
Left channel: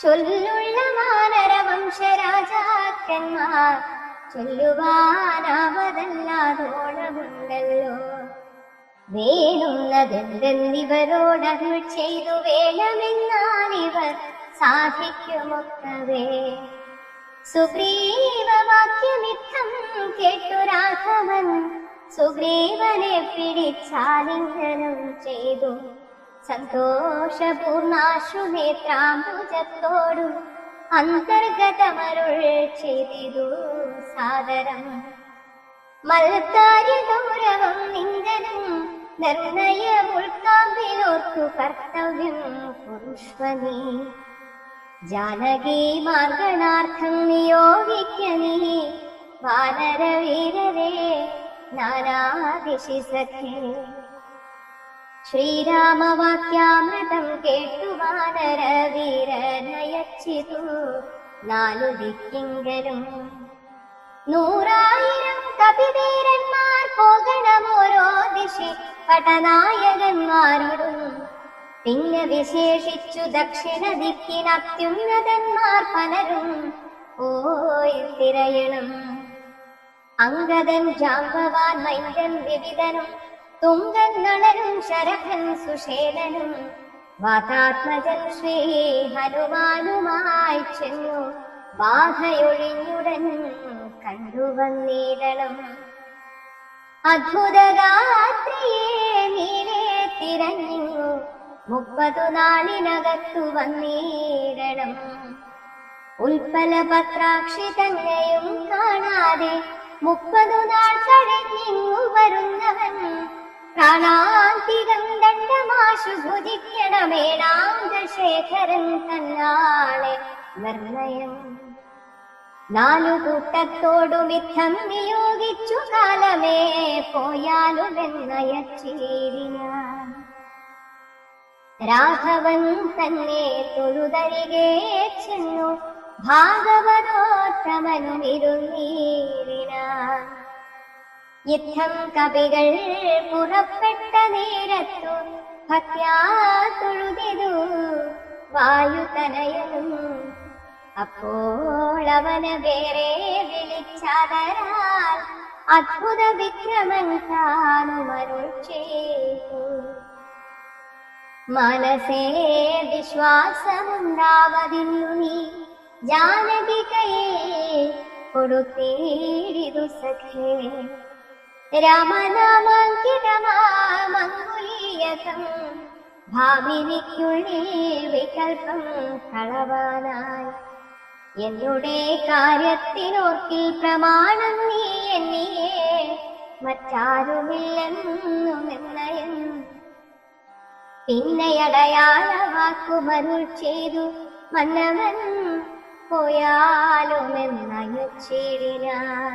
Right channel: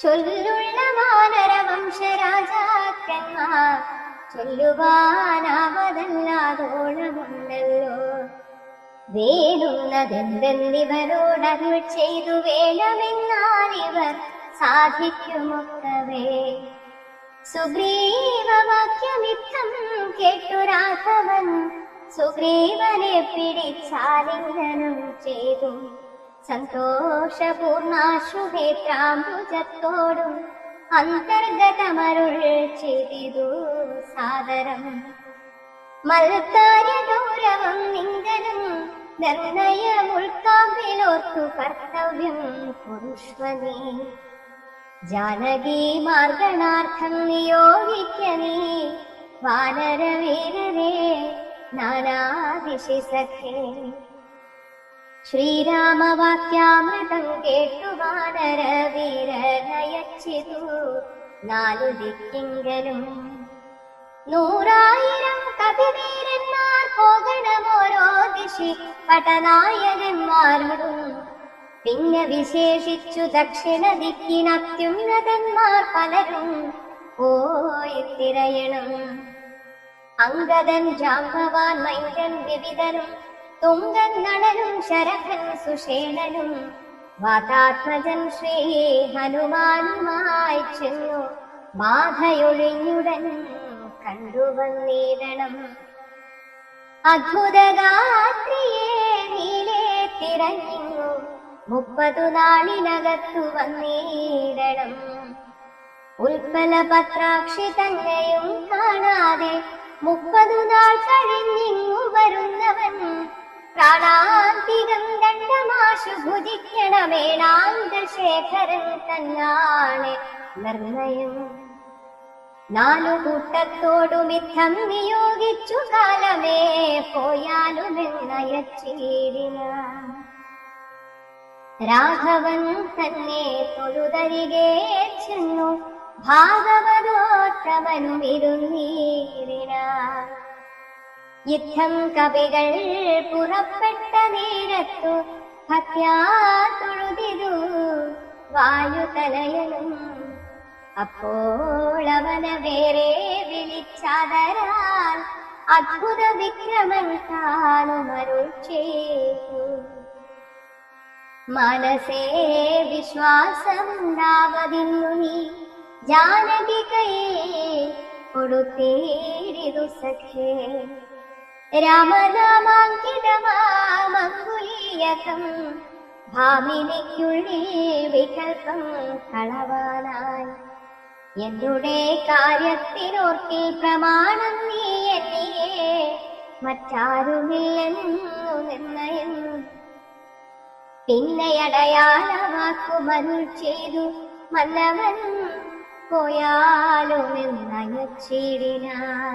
ചൊല്ലുള്ള വാനരവംശരാജാക്കന്മാർ ചൊല്ലുവാനാവതല്ലാതോളമുണ്ടല്ലോ വേടുന്നതെന്തെന്നിവരോടരുൾ ചെയ്തു വേണമെന്നാലിവർ സാധിക്കുമൊക്കവേ സുഗ്രീവവാക്യമിത്തം കേട്ടു രാഘവൻ സുഗ്രീവനെ പിടിച്ചാലിംഗനം ചെയ്തു. സന്തോഷപൂർണാശ്രുനേത്രാംബുജത്തോടും അന്തർഗതമരുൾ ചെയ്തിതു സാദരം. മൽക്കാര്യഗൗരവം നിങ്കനും നിർണയമുൾക്കാമ്പിലോർത്തു കർത്തവ്യം കുരുഷ്വനീ. ജാനകീ മാർഗണാർത്ഥം നിയോഗിക്ക നീ വാനരവീരരെ നാനാദിശി സഖേ. ശ്രീരാമവാക്യാമൃതം കേട്ടു വാനരവീരനയച്ചിതു നാലു ദിക്കിങ്കനും. 100,000 കപിവീരന്മാർ പോകണമോരോ ദിശി പടനായകന്മാരും. പിന്നെ വിശേഷിച്ചു ദക്ഷിണ ദിക്കിനത്യുന്നതന്മാർ പലരും പോയി തിരയണം. അംഗദൻ, ജാമ്പവാൻ, മൈന്ദൻ, വിവിധനും, തുങ്കൻ, നളനും, ശരഭൻ, സുഷേണനും, വാതാത്മജൻ ശ്രീ ഹനുമാനുമായി ചെന്നു ബാധയൊഴിഞ്ഞുടൻ കണ്ടുവന്നിടണം. അദ്ഭുതഗാത്രിയെ നീലേ തിരഞ്ഞു 30 നാളിനകത്തു വന്നിടണം. ഉൽപ്പല പത്രാക്ഷി തന്നെയും കാണാതെ 30 നാൾ കഴിഞ്ഞിങ്ങു വരുന്നവൻ പ്രാണാന്തികം ദണ്ഡമാശു ഭുജിക്കണമേണാന്തശേഖരൻ തന്നാണ് നിർണയം. 4 കൂട്ടത്തോടുമിത്തം നിയോഗിച്ചു കാലമേ പോയാലുമെന്നയച്ചീടിനാൻ. രാഘവൻ തന്നെ തൊഴുതരികെ ചെന്നു ഭാഗവതോത്തമനുമിരുന്നീടിനാൻ. യുദ്ധം കവികൾ പുറപ്പെട്ട നേരത്തു ഭക്യാ തൊഴുതിരു വായുതനയനും. അപ്പോഴവന വേറെ വിളിച്ചാദരാൽ അദ്ഭുത വിക്രമൻ കാണുമരുൾ ചെയ്തു. മനസേ വിശ്വാസമുണ്ടാവതിന്നു നീ ജാനകികയെ കൊടുത്തേരിതു സഖേ. രാമനാമാങ്കിതമാമങ്കുലീയകം ഭാമിനിക്കുള്ളേ വികൽപ്പം കളവാനായി. എന്നുടെ കാര്യത്തിനോർക്കിൽ പ്രമാണം നീ എന്നിയെ മറ്റാരുമില്ലെന്നു നിർണയം. പിന്നെയടയാള വാക്കുമരുൾ ചെയ്തു മന്നവൻ പോയാലുമെന്നയച്ചിടിനാൻ.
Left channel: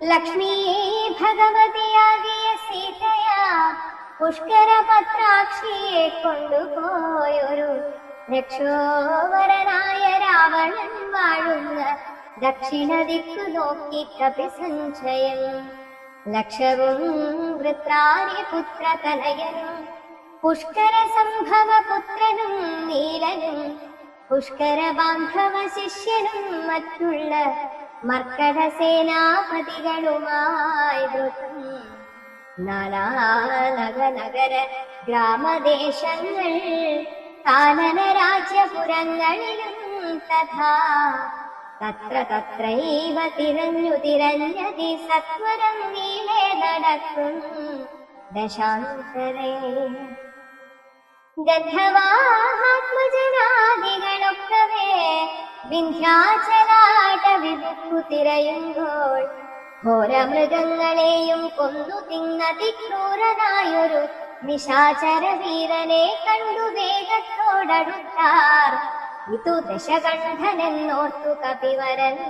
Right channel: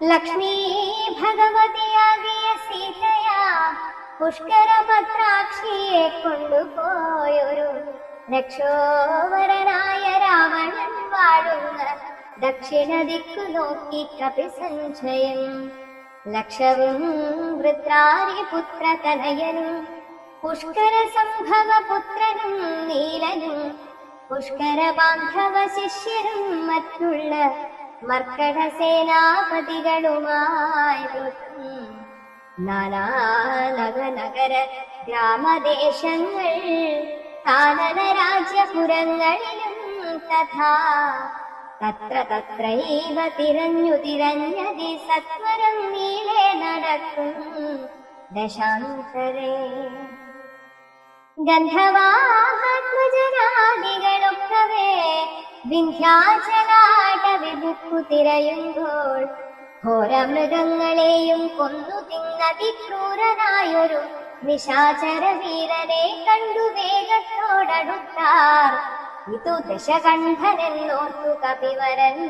ലക്ഷ്മീ ഭഗവതിയാകിയ സീതയാ പുഷ്കരപത്രാക്ഷിയെ കൊണ്ടുപോയൊരു രക്ഷോവരനായ രാവണൻ വാഴുന്ന ദക്ഷിണ ദിക്കു നോക്കി കപിസഞ്ചയം. ലക്ഷവും വൃത്രാരിപുത്രതനയനും പുഷ്കര സംഭവ പുത്രനും നീലനും പുഷ്കര ബാന്ധവ ശിഷ്യനും മറ്റുള്ള മർക്കട സേനാപതികളുമായി നാനാനഗര ഗ്രാമദേശങ്ങൾ കാനന രാജ്യപുരങ്ങളിലും തഥാ തത്ര തത്രൈവ തിരഞ്ഞതി സത്വരം നീളെ നടക്കും ദശാന്തരേ. ഗന്ധവാത്മജനാദികളൊക്കവേ വിന്ധ്യാചലാടവിബുക്കു തിരയുമ്പോൾ ഘോരമൃഗങ്ങളെയും കൊന്നു തിന്നതിക്രൂരനായൊരു നിശാചര വീരനെ കണ്ടു വേഗത്തോടടുത്താർ. ഇതു ദശകണ്ഠനെന്നോർത്തു കപിവരന്മാരെല്ലാം.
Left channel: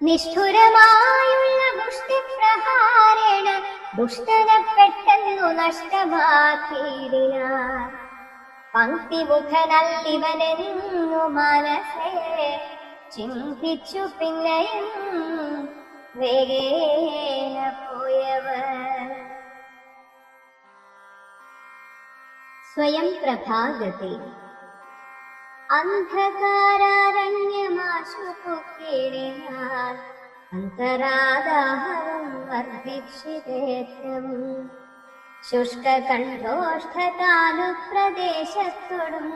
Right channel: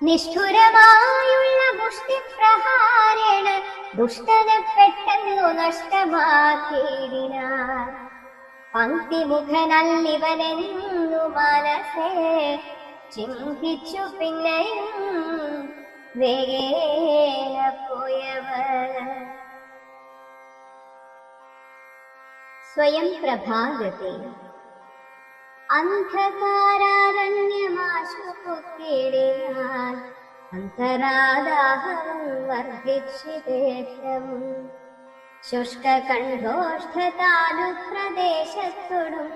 നിഷ്ഠുരമായുള്ള മുഷ്ടിപ്രഹാരേണ ദുഷ്ടനെ പെട്ടെന്നു നഷ്ടമാക്കിയിടിനാൻ. പങ്ക്തിമുഖനല്ലിവനെന്നു മനസ്സേ ചിന്തിച്ചു പിന്നെയും വേഗേന പോയവർ. സ്വയം പ്രഭാഗതി. അന്ധകാരാരണ്യമാശു പൊക്കിടിനാൻ അന്തരാദാഹം വർദ്ധിച്ചിതേറ്റം. ശുഷ്കകണ്ഠോഷ്ഠതാലു പ്രദേശത്തോടും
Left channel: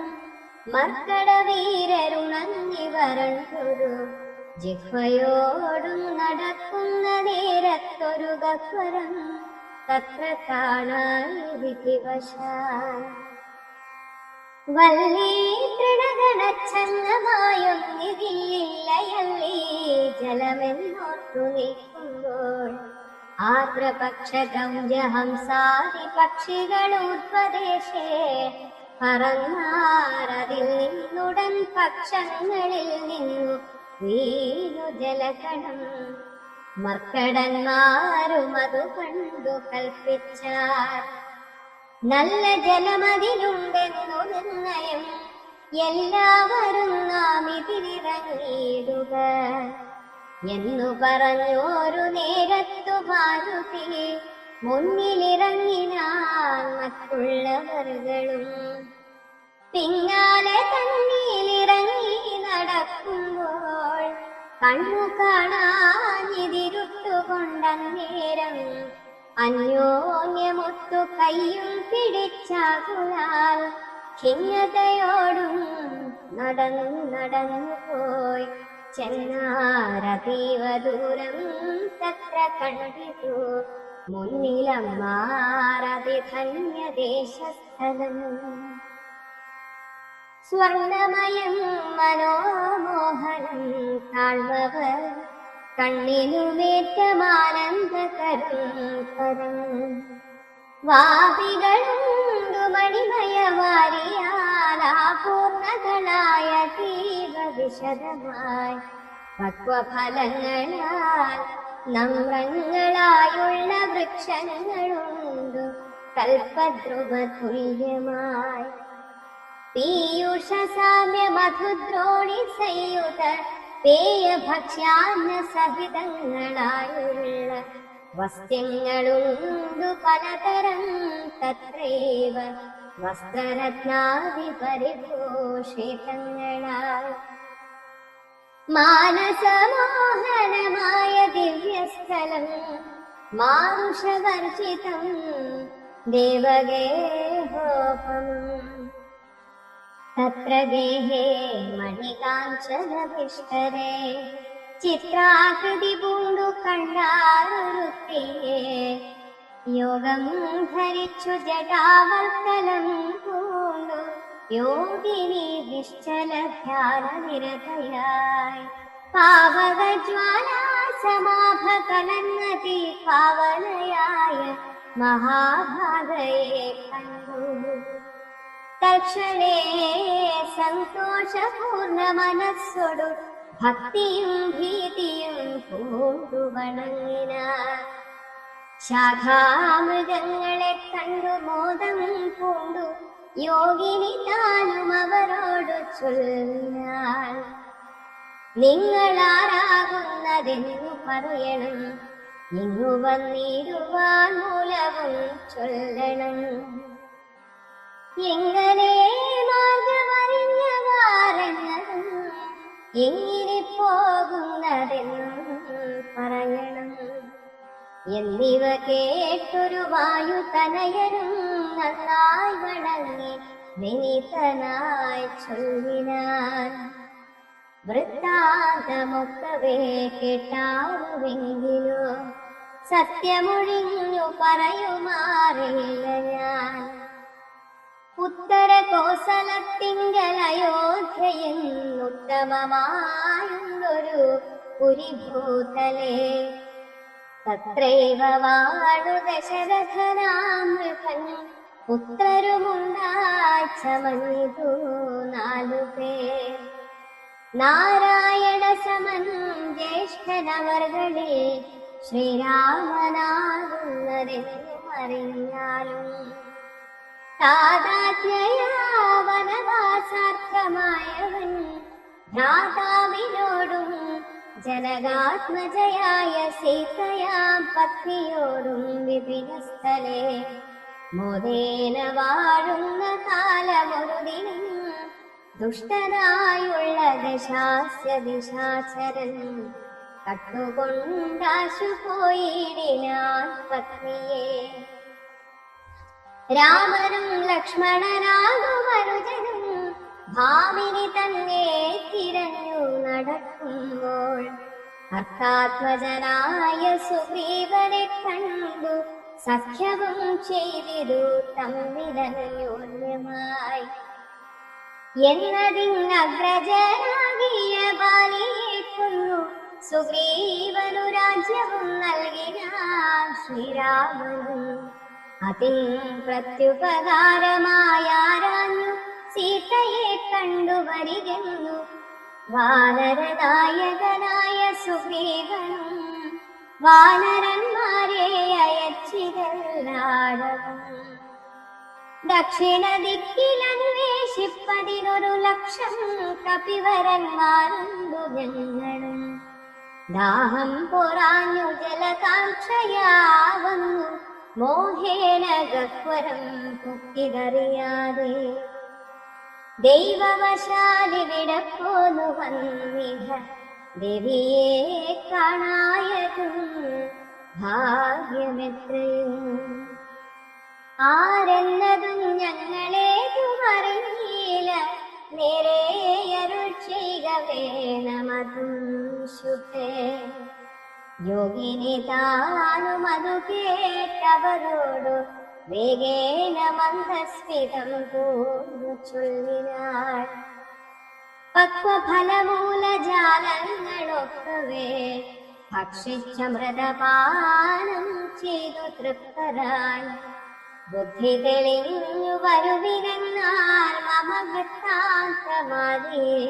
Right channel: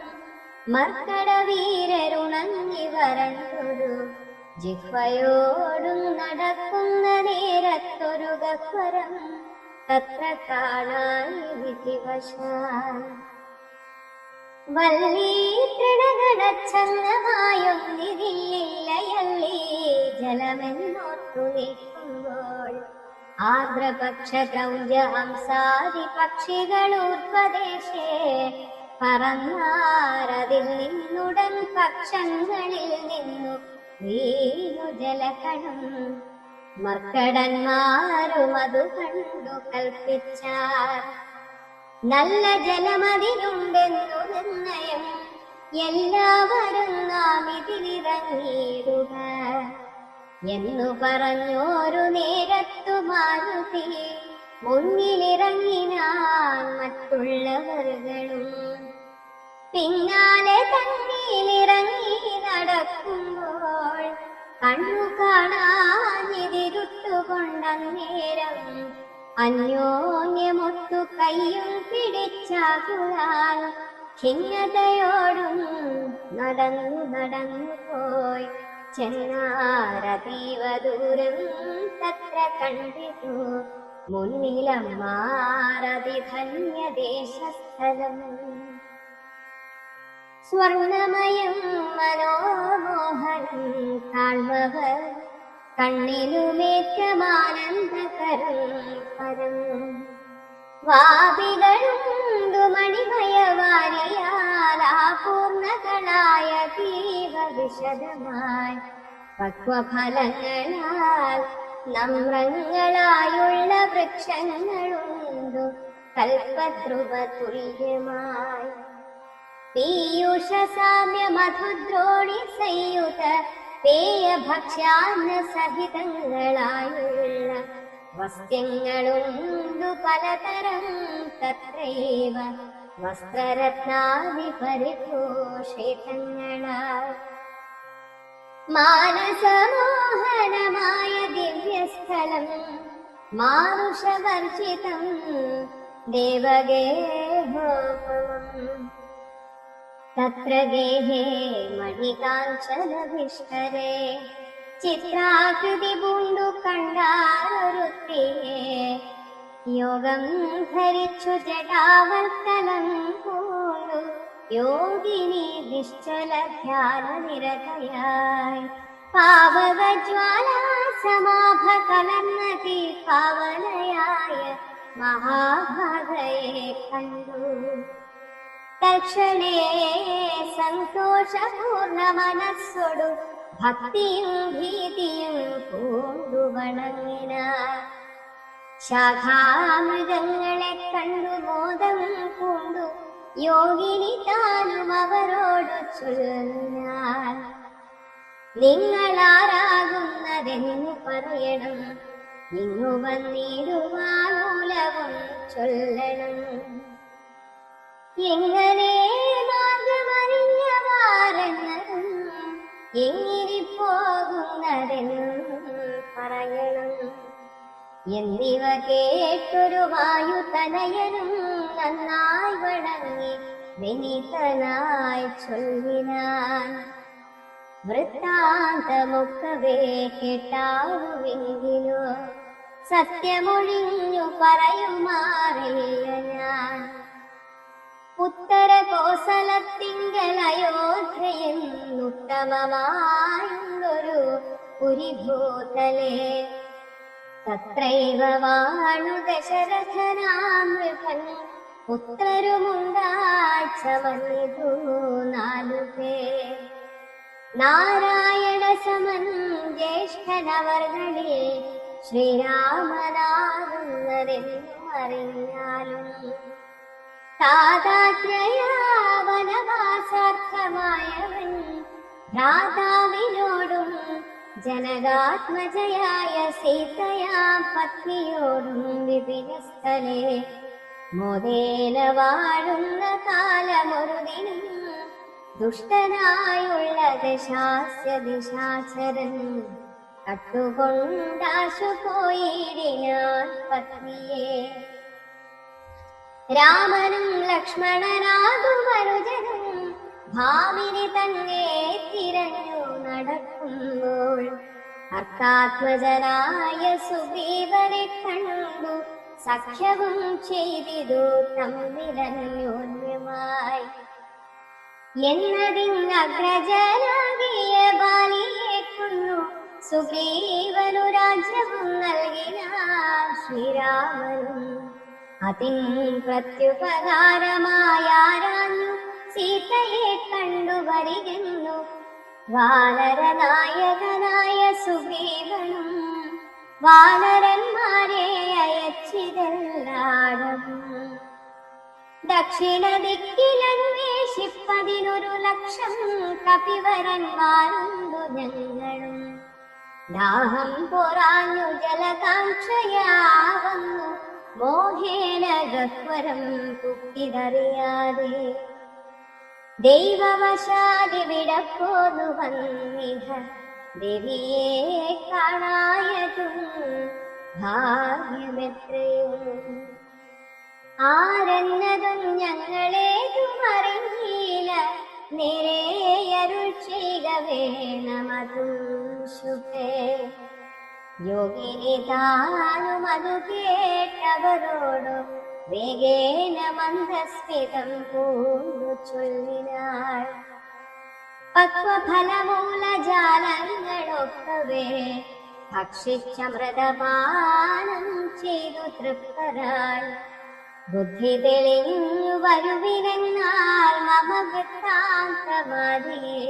മർക്കട വീരരുണങ്ങി വരണ്ടൊരു ജിഹ്വയോടും നടക്കുന്ന നേരത്തൊരു ഗഹ്വരം തത്ര കാണാൻ വിധിവശാൽ വല്ലീ തൃണഗണച്ചങ്ങമായൊന്നിതില്ലയല്ലീ ജലമെന്നോർത്തു നിൽക്കുമ്പോൾ ആർദ്രപക്ഷദ്രൗജഹംസാദി പക്ഷികളൂർപ്പദേശേ പറന്നാരതിൽ നിന്നുടൻ പക്ഷങ്ങളിൽ നിന്നു വീണു ജലകണം മർക്കടന്മാരും അതു കണ്ടു കൽപ്പിച്ചാൽ നല്ല ജലമതിലുണ്ടെന്നു നിർണയം എല്ലാവരും നാം ഇതിലിറങ്ങിയിടുക എന്നു പറഞ്ഞോരു നേരത്തു മാരുതി മുന്നിലിറങ്ങിന മറ്റുള്ളവர்களுം പിന്നാലെ തന്നിലിറങ്ങി നടക്കുമ്പോൾ കണ്ണു കാണാനിതിരുട്ടുകൊണ്ടന്നേരം അന്യോന്യമൊത്തു കയ്യും പിടിച്ചാകുനാൽ ഖിന്നതയോടും നടന്നു പോയി ചെന്നാരതീവ ദൂരം തത്ര കണ്ടിട്ടു മുന്നിലമ്മാരതിധന്യദേശസ്ഥലം സ്വർണമയം മനോമോഹനം താഴ്വവർ കണ്ണിനുമേറ്റമാനന്ദകരം പരം വാപികളുണ്ടു മണിമയവാരിയാലാപൂർണകളായ ദീപവിശദമായി പക്വഫലങ്ങളാൽ നമ്രങ്ങളായുള്ള വൃക്ഷങ്ങളുണ്ടു കൽപദ്രുവ തുല്യമായി പീയൂഷ സാമ്യ മധുദ്രോണി സംയുത പേയഭക്ഷ്യാന്ന സഹിതങ്ങളായുള്ള വസ്ത്യങ്ങളുണ്ടു പലതരം തത്രൈവ വസ്ത്രരത്നാദി പരിഭൂഷിതങ്ങളാ മാനസമോഹനമായ ദിവ്യസ്ഥലം മാരുഷവർജിതം ദേവഗേഹോപുരം തത്ര ഗേഹേ മണികാഞ്ചനവിഷ്ടരേ ചിത്രാകൃതി പൂണ്ടു കണ്ടാലൊരുത്തേ യോഗം ധരിച്ചു ജടാവൽക്കലം പൂണ്ടു യോഗിനി നിശ്ചല ധ്യാന നിരതയായി പാവകജ്വാലാ സമാഭ കലർന്ന തീഭാവനയായ മഹാഭാഗയെ കണ്ടു തക്ഷണേ സന്തോഷപൂർണ്ണ മനസ്സോടു ഭക്തിയും ഭീതിയും പൂണ്ടു വണങ്ങിനാർ ശാഖാമൃഗങ്ങളെ കണ്ടു മോദം പൂണ്ടു യോഗിനി താനും അവരോട് ചൊല്ലാൻ നിങ്ങളാരാകുന്നതെന്നു പറയണം ഇങ്ങു വന്നിടുവാൻ മൂലവും ചൊല്ലണം എങ്ങനെ മാർഗമറിഞ്ഞവാരെന്നും എങ്ങിനി പോകുന്നതെന്നും പറയണം എന്നിവ കേട്ടൊരു വായു തനയരും നന്നായി വണങ്ങി വിനീതനായി ചൊല്ലിനാൻ വൃത്താന്തമൊക്കവേ കേട്ടാവുമെങ്കിലോ സത്യമൊഴിഞ്ഞു പറയുമാറില്ല ഞാൻ ഉത്തര കോസലത്തിങ്കൽ അയോധ്യയെന്നുത്തമമായുള്ളൊരു പുരിഭൂതലേ തത്രൈവ വാണു ദശരഥനാമൃഗൻ പുത്രരുമുണ്ടായി ചമന്നിതു നാലുപേർ നാരായണ സമൻ ജ്യേഷ്ഠനവർകളിൽ ശ്രീരാമനാകുന്നതെന്നും അറിഞ്ഞാലും വനവാസാർത്ഥമായവൻ ഭ്രാതാവിനോടും ജനകാത്മജയായ സീതയാം പത്നിയോടും വിപിനസ്ഥലേ മോദേന വാഴുന്ന കാലമൊരുതിനും ദുഷ്ടനായുള്ള ദിശാചരൻ കട്ടുകൊണ്ടാശു പോയിടിനാൻ പത്നിയെ രാമനും ലക്ഷ്മണനാകും അനുജനും ഭാമിനി തന്നെ തിരഞ്ഞു നടക്കുമ്പോൾ അർത്ഥാത്മജനായ സുഗ്രീവനെ കണ്ടു സഖ്യവും ചെയ്തിരു തമ്മിലന്യോന്യമായി. എന്നതിനഗ്രജനാകിയ ബാലിയെ കൊന്നു സുഗ്രീവനു രാജ്യവും നൽകിനാൻ ശ്രീരാമനും. അതിൻ പ്രത്യുപകാരമായാരാഞ്ഞു സീതയെ കണ്ടുവരികെന്നു വാനരനായകനായ സുഗ്രീവനും വാനരന്മാരെ അയച്ചിരല്ലാടവും. ദക്ഷിണ ദിക്കിലന്വേഷിപ്പതിനൊരു ലക്ഷം കപിവരന്മാരുണ്ടു ഞങ്ങളും. ദാഹം പൊറാഞ്ഞു ജലകാംക്ഷയാവുന്നു മോഹേന ഗഹ്വരം കുത്തിതറിയാതെ. ദൈവവശാലിവിടെ പോന്നു വന്നിഹ ദേവിയെ കാണായതും ഭാഗ്യമെത്രയും. ആരെന്നതും ഞങ്ങളേതും അറിഞ്ഞില്ല, നേരെ അരുൾ ചെയ്യുക വേണമതും ശുഭേ. യോഗിനി താനും അതു കേട്ടവരോടു വേഗേന മന്ദസ്മിതം പൂന്നു ചൊല്ലിനാൾ. പക്വഫലമൂലജാലങ്ങളൊക്കവേ ഭക്ഷിച്ചമൃതപാനം ചെയ്തു തൃപ്തരായി. ബുദ്ധി തെളിഞ്ഞു വരുവിനെന്നാൽ മമ വൃത്താന്തമാതിയെ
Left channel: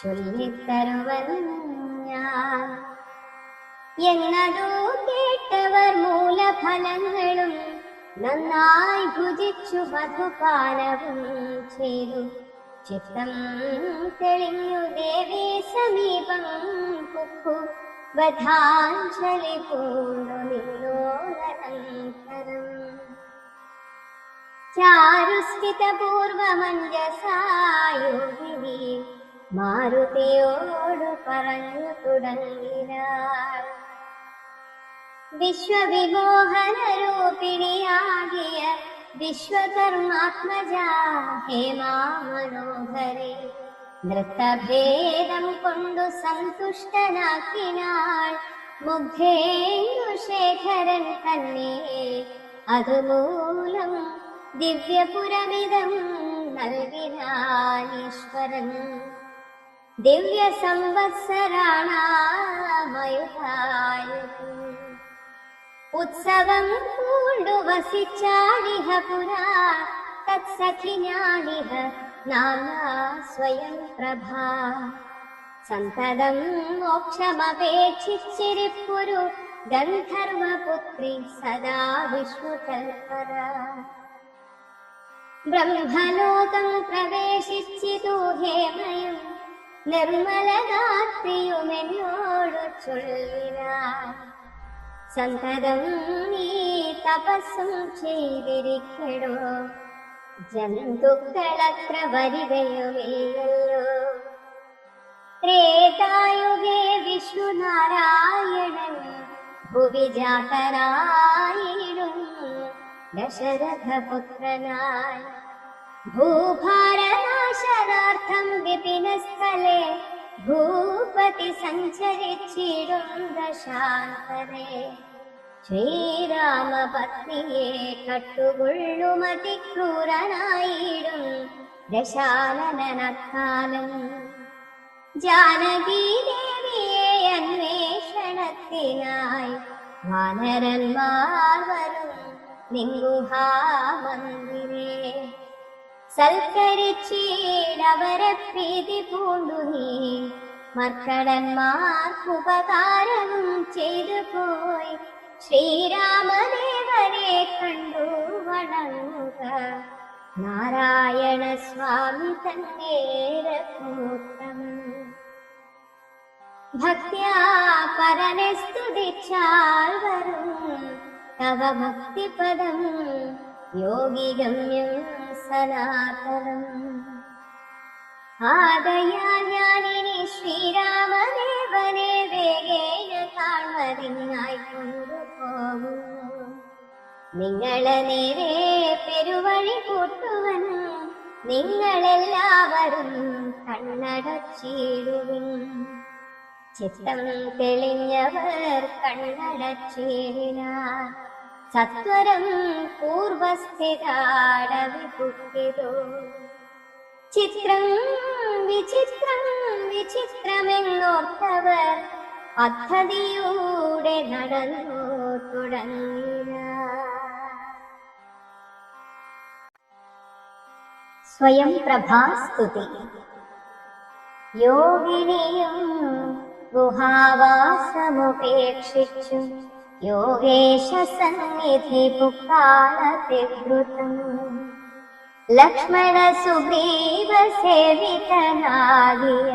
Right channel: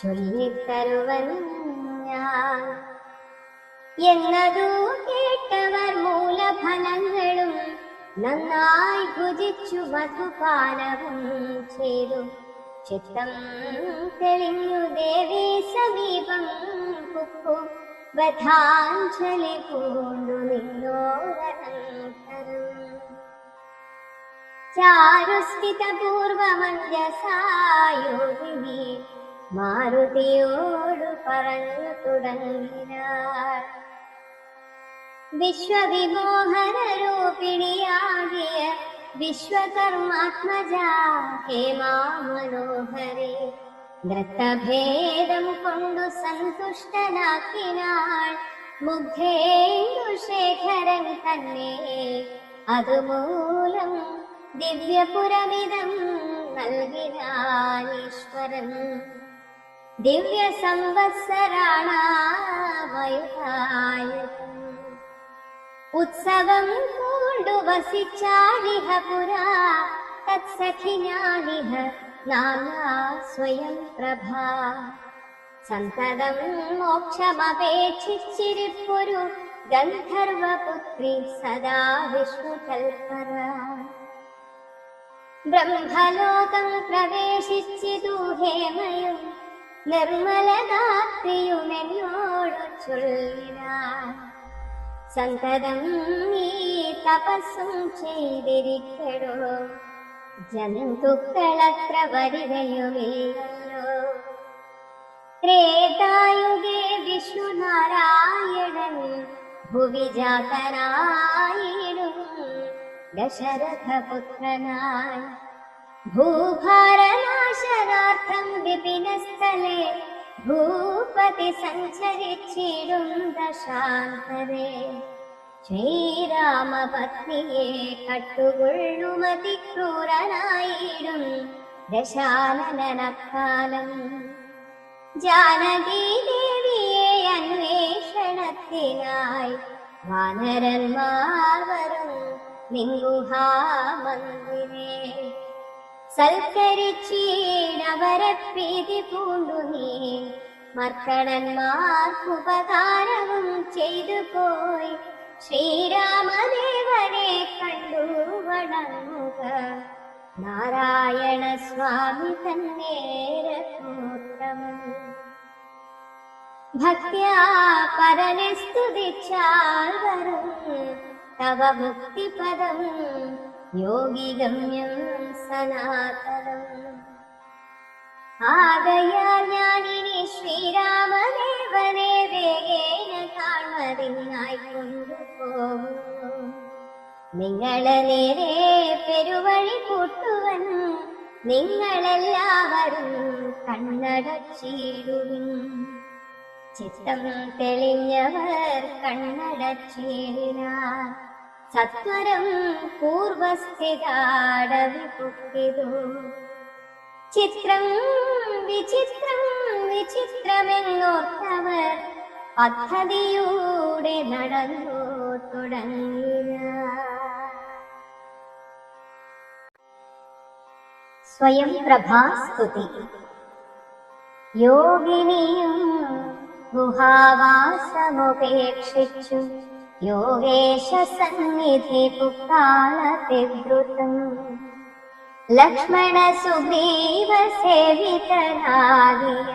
ചൊല്ലിത്തരുവൻ ഞാൻ. എന്നതു കേട്ടവർ മൂലഫലങ്ങളും നന്നായി ഭുജിച്ചു മധുപാനവും ചെയ്തു. ചിത്തം തെളിഞ്ഞു ദേവി സമീപം കുക്കു വധാഞ്ജലി പൂണ്ടു നിന്നോരനന്തരം. ചാരുസ്ഥിതപൂർവമഞ്ജസായോഗിനി മാരുതിയോട് പറഞ്ഞു തുടങ്ങിനാൾ. വിശ്വവിമോഹനരൂപിണിയാകിയ വിശ്വകർമാത്മജ ഹേമാ മനോഹരി നൃത്തഭേദം കൊണ്ടു സന്തുഷ്ടനാക്കിനാൾ. മുഗ്ധേന്ദുശേഖരൻ തന്നെ അതുമൂലം ദിവ്യപുരമിതം നൽകിനാനീശ്വരൻ. ദിവ്യ സംവത്സരാണാമയുധായ ഉത്സവം കൊണ്ടു വസിച്ചാളിഹ പുരാ തത്സഖിനാലിഹ നാനാ സ്വയം പ്രഭാ. സന്തതം മോക്ഷമപേക്ഷിച്ചിരിപ്പുരു ഗന്ധർവപുത്രി സദാ വിഷ്ണുകൽപ്പര. ബ്രഹ്മലോകം പ്രവേശിച്ചിതു ഹേമയും നിർമ്മലഗാത്രിയുമെന്നോടു ചൊല്ലിനാൾ. സന്തതം നീ തപസ്സും ചെയ്തിരിക്കണോ, ജന്തുക്കളത്ര വരികയുമില്ലല്ലോ. ത്രേതായുഗേ വിഷ്ണുനാരായണൻ ഭുവി ജാതനായിടും ദശരഥപുത്രനായി. ഭൂഭാരനാശനാർത്ഥം വിപിനസ്ഥലേ ഭൂപതി സഞ്ചരിച്ചിടും ദശാന്തരേ. ശ്രീരാമപത്നിയെ കട്ടുകൊള്ളുമതിക്രൂരനായിടും ദശാനനക്കാലം. ജാനകി ദേവിയെ അന്വേഷണത്തിനായി വാനരന്മാർ വരും നിങ്കുഹാമന്ദിരേ. സൽക്കരിച്ചീരവരെ പ്രീതി പൂണ്ടു നീ മർക്കടന്മാർക്കുപകാരവും ചെയ്തു പോയി. ശ്രീരാമദേവനെ കണ്ടു വണങ്ങുക നാരായണ സ്വാമി തന്നേരഘോത്തമൻ. ഭക്ത്യാ പരനെ സ്തുതിച്ചാൽ വരും തവ മുക്തിപദം യോഗിഗമ്യം സനാതനം. ആകയാൽ ഞാനിനി ശ്രീരാമദേവനെ വേഗേന കാണുന്നതിനായി കൊണ്ടുപോകുന്നു. നിങ്ങളെ നേരെ പെരുവഴി കൂട്ടുവൻ നിങ്ങളെല്ലാവരും കണ്ണടച്ചിടുവിൻ. ചിത്തം തെളിഞ്ഞവർ കണ്ണടച്ചില്ല. സത്വരം പൂർവസ്ഥിതാടവിപുക്കിതു. ചിത്രം വിചിത്രം വിചിത്രമെന്നോർത്തവർ പദ്ധതിയൂടെ നടന്നു തുടങ്ങിയ. സ്വയം പ്രഭാസ്തുതി. യോഗിനിയും ഗുഹാവാസമുപേക്ഷിച്ചു യോഗേശ സന്നിധി പുക്കാളതിദ്രുതം. ലക്ഷ്മണ സുഗ്രീവ സേവിതനാദിയ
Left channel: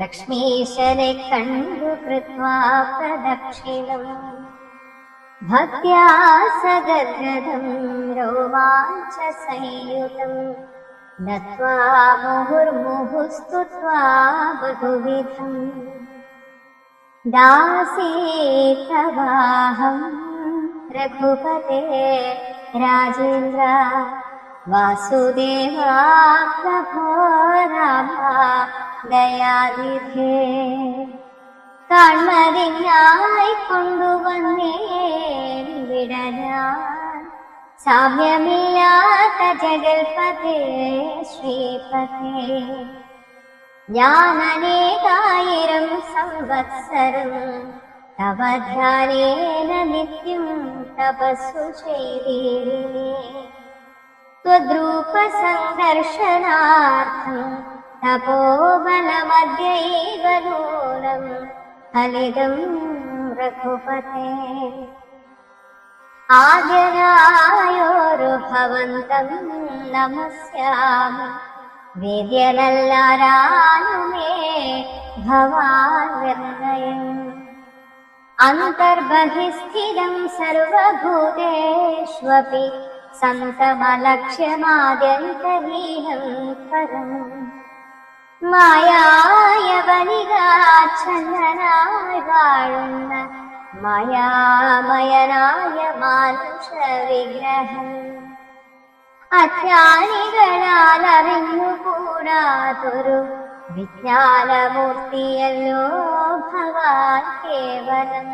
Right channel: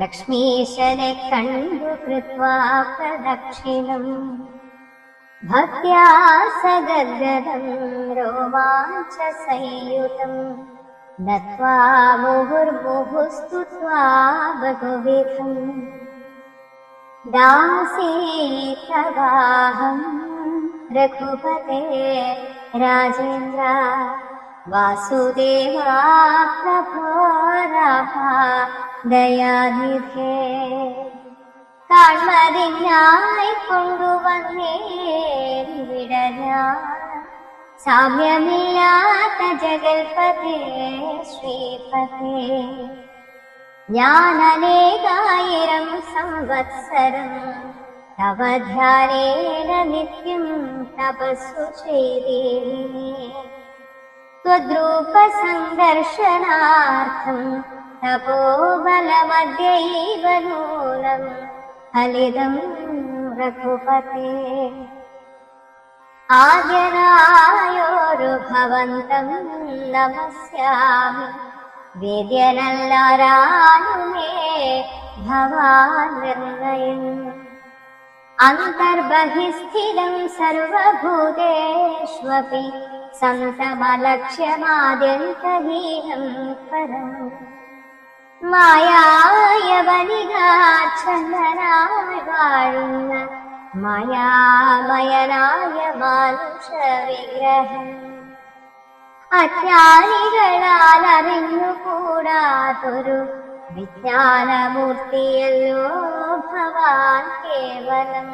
ലക്ഷ്മീശനെ കണ്ടു കൃത്വാ പ്രദക്ഷിണം. ഭക്ത്യാ സഗദ്ഗദം രോമാഞ്ച സംയുതം നത്വാ മുഹുർമുഹുസ്തുത്വാ ബഹുവിധം. ദാസീതവാഹം രഘുപതേ രാജേന്ദ്ര വാസുദേവാ പ്രഭോ രാമ ദയാനിധേ. കാൺമതിനായി കൊണ്ടുവന്നേൻ വിടഞ്ഞാൻ സാമ്യമില്ലാത്ത ജഗൽപതേ ശ്രീപതേ. ഞാൻ അനേകായിരം സംവത്സരം തവ ധ്യാനേന നിത്യം തപസ്സു ചെയ്തിരുന്നേ. ത്വദ്രൂപ സംഘർഷണാർത്ഥം തപോബലമദ്യൈവ നൂനം ഫലിതം രഘുപതേ. ആദ്യനായോരു ഭവന്തം നമസ്യാമി വേദ്യനല്ലരാനുമേ ഭവാൻ നിർണയം. അന്തർബഹിസ്ഥിതം സർവഭൂതേഷ്വപി സന്തമലക്ഷ്യമാദ്യന്തഹീനം പരം. മായായവനികാച്ഛന്നനായി വാഴുന്ന മായാമയനായ മാനുഷ വിഗ്രഹം. അജ്ഞാനികളാൽ അറിഞ്ഞുകൂടാതൊരു വിജ്ഞാനമൂർത്തിയല്ലോ ഭവാൻ കേവലം.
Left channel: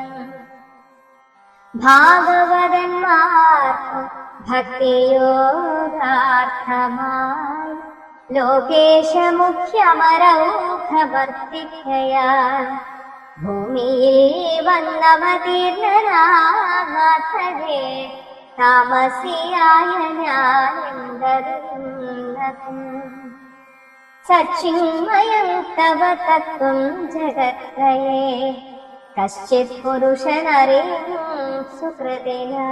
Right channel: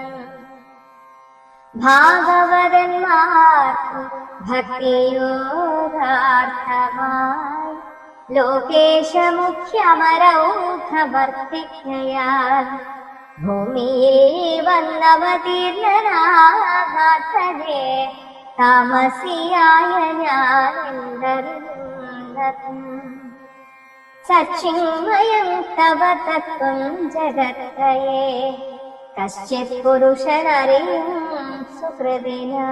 ഭാഗവതന്മാർക്കു ഭക്തിയോഗാർത്ഥമായി ലോകേശമുഖ്യമരൗഖമർത്തിക്കയാൽ ഭൂമിയിൽ വന്നവതീർണനാഥനെ താമസിയായ ഞാനെന്തറിയുന്നത്. സച്ചിന്മയം തവ തത്വം ജഗത്രയേ കശ്ചിത് പുരുഷനറിയും സുഹൃദിനാ.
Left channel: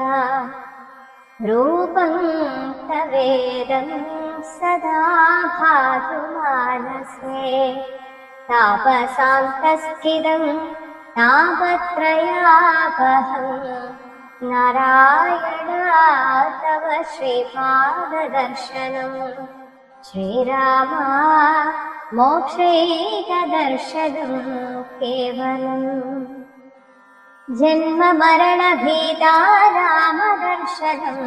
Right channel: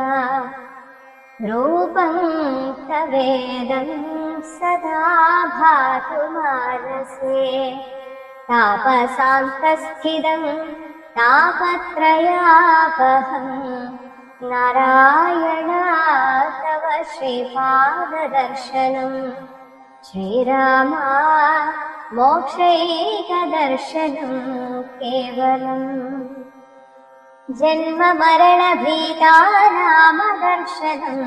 രൂപം തവേദം സദാ ഭാതുമാനസേ താപസാന്തസ്ഥിതം താപത്രയാപഹം. നാരായണ തവ ശ്രീപാദദർശനം ശ്രീരാമ മോക്ഷൈകദർശനം കേവലം. ജന്മമരണഭീതാ രാമദർശനം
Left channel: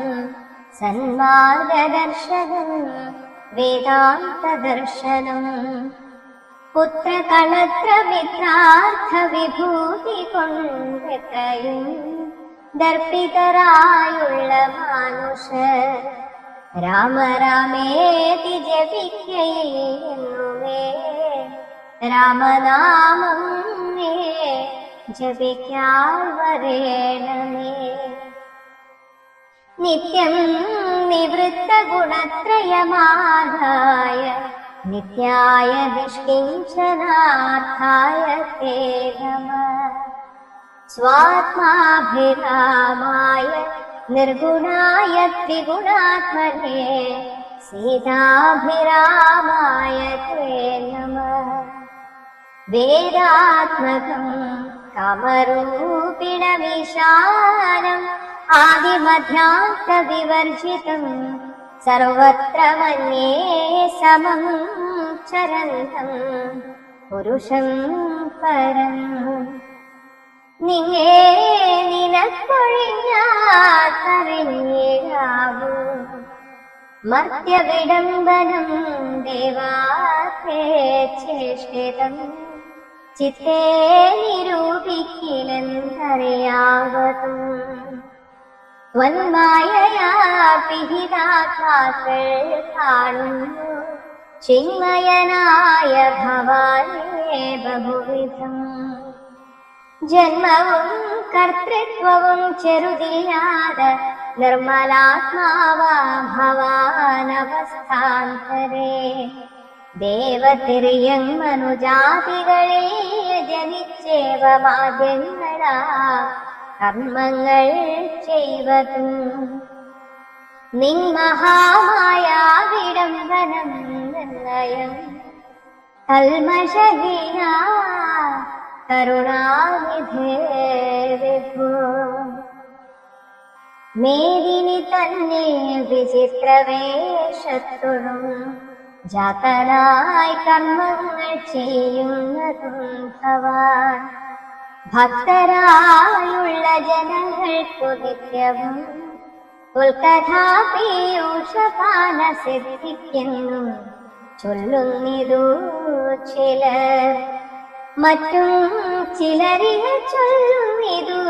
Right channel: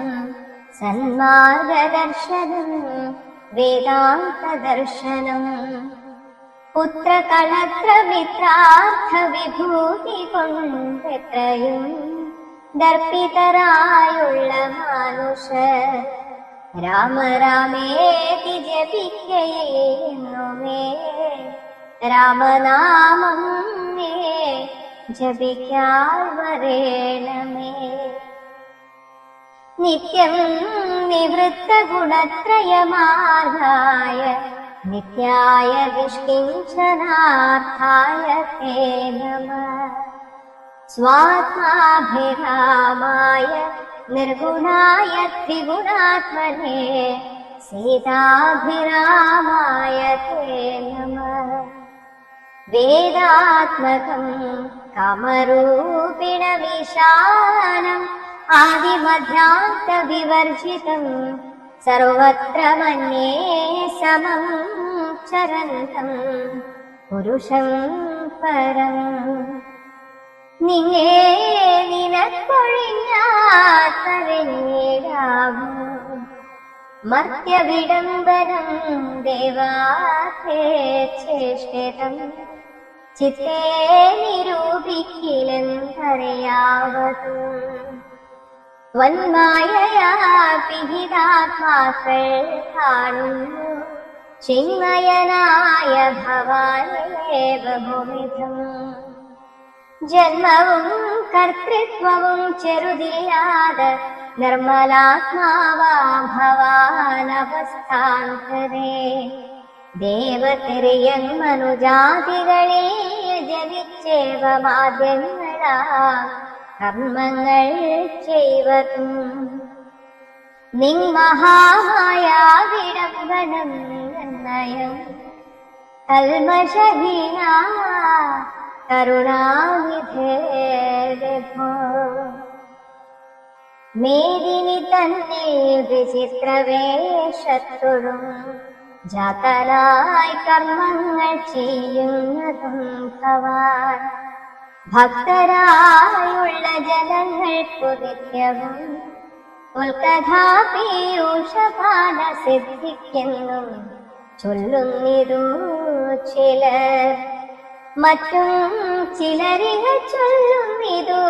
സന്മാർഗദർശനം വേദാന്തദർശനം. പുത്രകളത്രമിത്രാർത്ഥ വിഭൂതി കൊണ്ടെത്രയും ദർപ്പിതരായുള്ള മാനുഷർ രാമ രാമേതി ജപിക്കയെന്നുമേ രാമനാമം മേ ജപിക്കാൻ വരേണമേ. നിത്യം നിവൃത്ത ഗുണത്രയമാർഗായ നിത്യായ നിഷ്കിഞ്ചനാർത്ഥായ തേ നമഃ. സ്വാത്മാഭിരാമായ നിർഗുണായ ത്രിഗുണാത്മനെ സീതാഭിരാമായ തേ നമഃ. വേദാത്മകം കാമരൂപിണമീശാനം ആദിമധ്യാന്ത വിവർജിതം സർവത്ര മന്യേ സമം ചരന്തം പുരുഷം പരം. നിങ്ങേ നിനക്കൊഴിഞ്ഞാറിഞ്ഞിടാവൂ മർത്യവിടംബനം ദേവാത്തേ ചേഷ്ടിതം ചിത്തേ നിരൂപിക്കില്ലെന്നറിയാവതും വന്മായയാ പിഹിതാത്മാക്കൾ കാണുന്നു ചിന്മയനായ ഭവാനേ ബഹുവിധം ജന്മവും കർത്തൃത്വവും ചെറുതില്ലാതെ നിർമ്മലാത്മാവാ ഭവാനവസ്ഥാന്തരേ ദേവതിരിയം മനുജാതികളെ ജനിച്ചേവമാദ്യങ്ങളാ കർമ്മങ്ങൾ ചെയ്വതും നിന്മഹാമായാവിഡംബനം നിർണയം കൽമഷഹീന കരുണാനിധേർവിഭോ മേദിനി തന്നിൽ വിചിത്രവേഷത്തോടും ജാതനായി കർമ്മങ്ങൾ ചെയ്യുന്നതും ഭവാൻ ഭക്തരായുള്ള ജനങ്ങൾക്കു നിത്യവും ഉൽക്കഥാപീയൂഷപാന സിദ്ധിക്കെന്നും ചൊല്ലുന്നിതു ചിലർ മറ്റും ചിലരിക ചൊല്ലുന്നിതു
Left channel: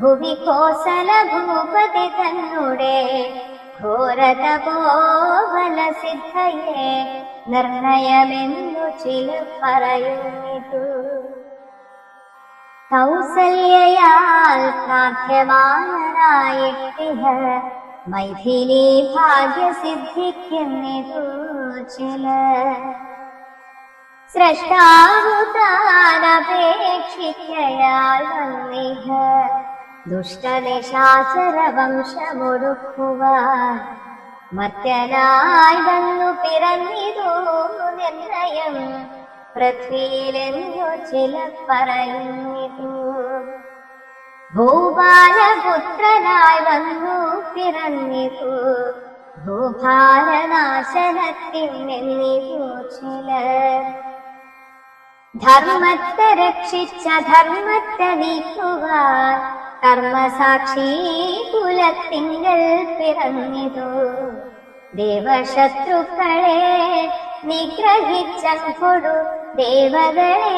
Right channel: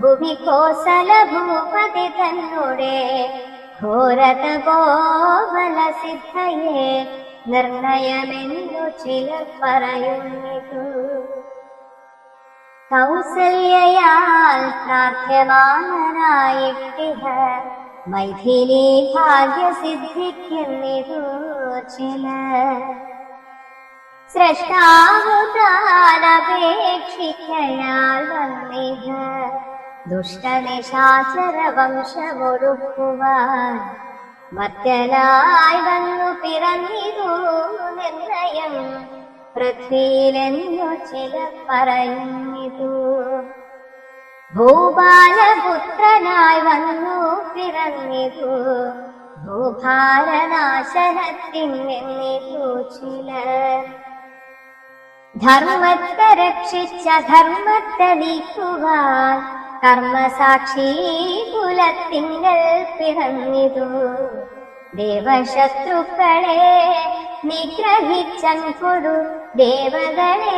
ഭുവി കോസല ഭൂപതി തന്നെ ഘോരതപോവന സിദ്ധയെ നിർണയമെന്നു ചിലർ പറയുന്നിതു കൗസല്യയാൽ സാധ്യമാനായിട്ടിഹ മൈഥിലി ഭാഗ്യസിദ്ധിക്കുന്നിതു ചിലർ സ്രഷ്ടാവുതാനപേക്ഷിക്കയാൽ വന്നിഹ ദുഷ്ടനിശാചര വംശമൊടുക്കുവാൻ മറ്റനായി വന്നു പിറന്നിതു നിർണയം പൃഥ്വിയിലെന്നു ചിലർ പറയുന്നിതു ഭൂപാലപുത്രനായി വന്നു പിറന്നിതു ഭൂഭാരനാശനത്തിൽ നിന്നിതു ചിലർ ധർമ്മത്തെ രക്ഷിച്ച ധർമ്മത്തെ നീക്കുവാൻ കർമ്മസാക്ഷി കുലത്തിങ്കൽ പിറന്നിതു ദേവശത്രുക്കളെ നിഗ്രഹിച്ചൊടു ദേവകളെ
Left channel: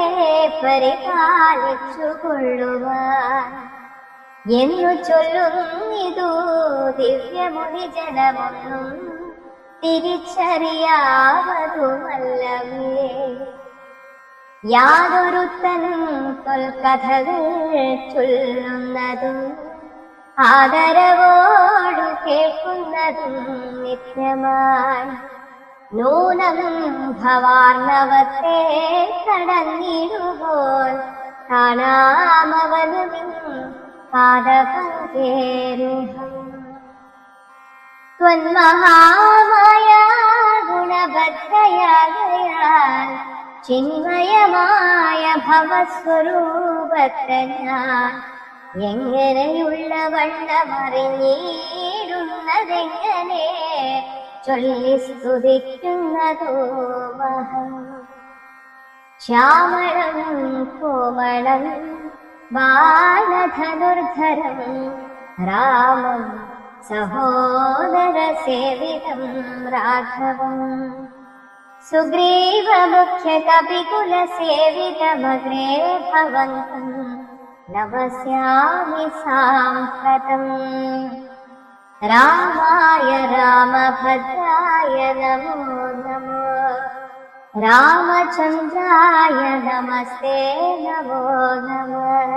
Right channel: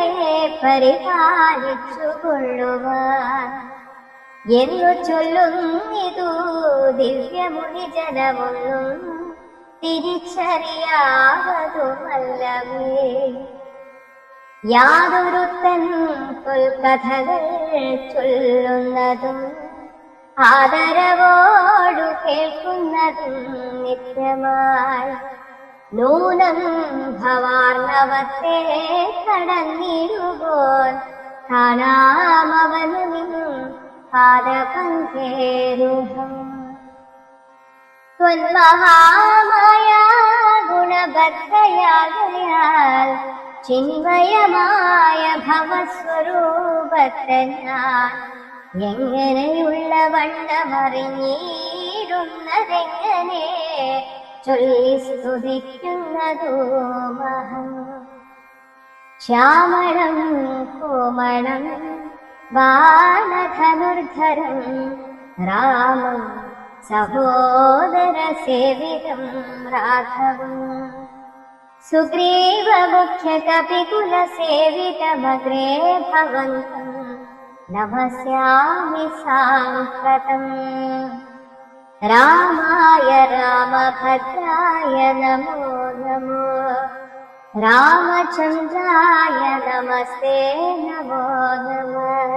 പരിപാലിച്ചു കൊള്ളുവാൻ എന്നു ചൊല്ലുന്നിതു ദിവ്യമുനി ജനമൊന്നും തിരിച്ചറിയാവതുമല്ലവേ യാതൊരുത്തനും കൊൽക്കഥകൾ ചൊല്ലുന്നതും ആദരവോടു കേൾക്കുന്നതും നിത്യമായി നൂനം ഭവാർണവത്തെ കടന്നിടുപോൽ കാണാമവനു നിൻ പാദപങ്കേരുഹം ത്വന്മഹാമായ ഗുണഭദ്രയാകയാൽ ചിന്മയമായ ഭവസ്വരൂപത്തെ ഞാൻ എങ്ങനെയുള്ള വണ്ണമറിഞ്ഞിടുന്നതെങ്ങനെ ചൊല്ലി സ്തുതിക്കുന്നതു മഹം ശ്യാമളം കോമളം ബാലധനുർധരം രാമം സഹോദരസേവിതം രാഘവം സുഗ്രീവമുഖ്യകപികുലസേവിതമഗ്രേ ഭവന്തം നമസ്യാമി സാമ്പ്രതം രാമായ രാമഭദ്രായ നമോ നമോ രാമചന്ദ്രായ നമസ്തേ നമോ നമഃ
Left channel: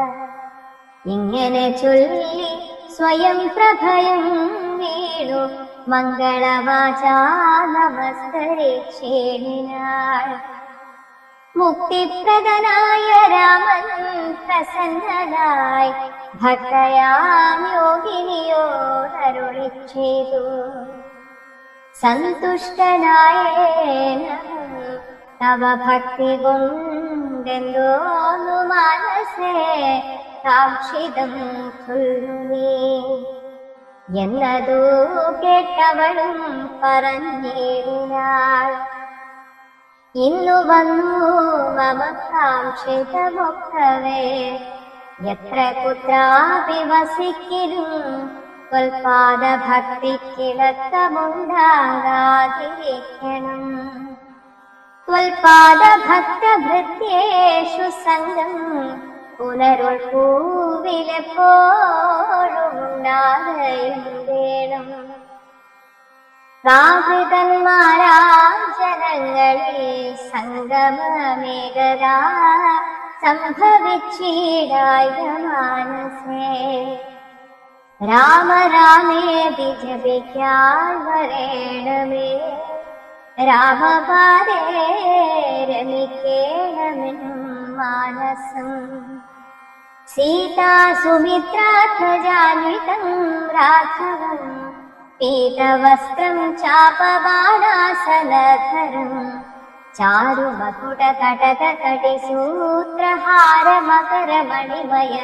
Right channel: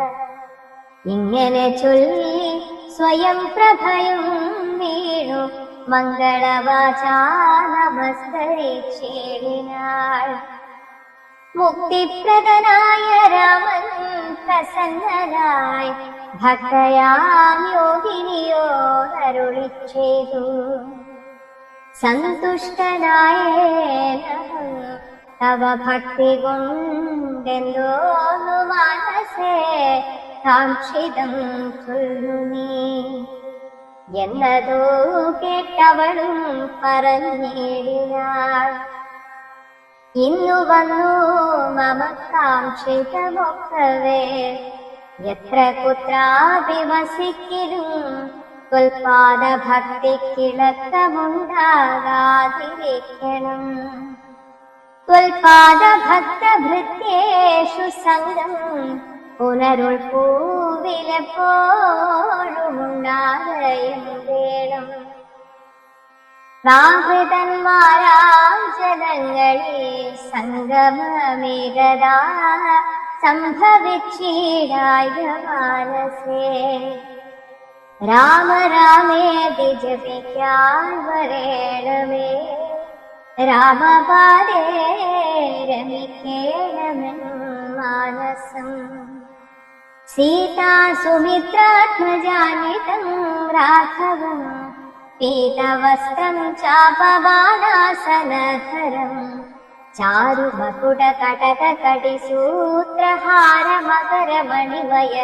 ഇങ്ങനെ ചൊല്ലി സ്വയം പ്രഭയം വീണു മംഗളവാചാ നമസ്കരിച്ചിടിനാൾ മുക്തിപ്രദനായ രാമൻ പ്രസന്നനായി ഭക്തയാം യോഗിനിയോടരുളി ചെയ്തു സന്തുഷ്ടനായേനം തവ ഭക്തി കൊണ്ടെന്തോന്നു മനസ്സേ കാക്ഷിതം ചൊല്ലുനീ എന്നതോ കേട്ടവളും പറഞ്ഞിടിനാൾ ഇന്നു വന്നു മമ കാക്ഷിതമൊക്കവേ എത്ര കുത്രാപി വസിക്കിലും ത്വൽപാദഭക്തിക്കിളക്കമുണ്ടാകാതിരിക്കണം ത്വൽപാദഭക്തഭൃത്യേഷു സംഘം പുനരുൾപൂവിലെപ്പോഴുമുണ്ടാകയും വേണം. പ്രാകൃതന്മാരാം ജനങ്ങളെ സംഗമമേകതാ സംഭവിച്ചിടായ മാനസേ. രാമ രാമേതി ജപിക്കാൻ വരേണമേ, രാമപാദേ രമിക്കേണമെൻ മാനസം. സീതാ സുമിത്രാത്മജാനിതം രാഘവം പീതവസ്ത്രം ചാപവാനാസനധരം ചാരുമകുടകടകടിസൂത്രഹാരമകരമണിമയ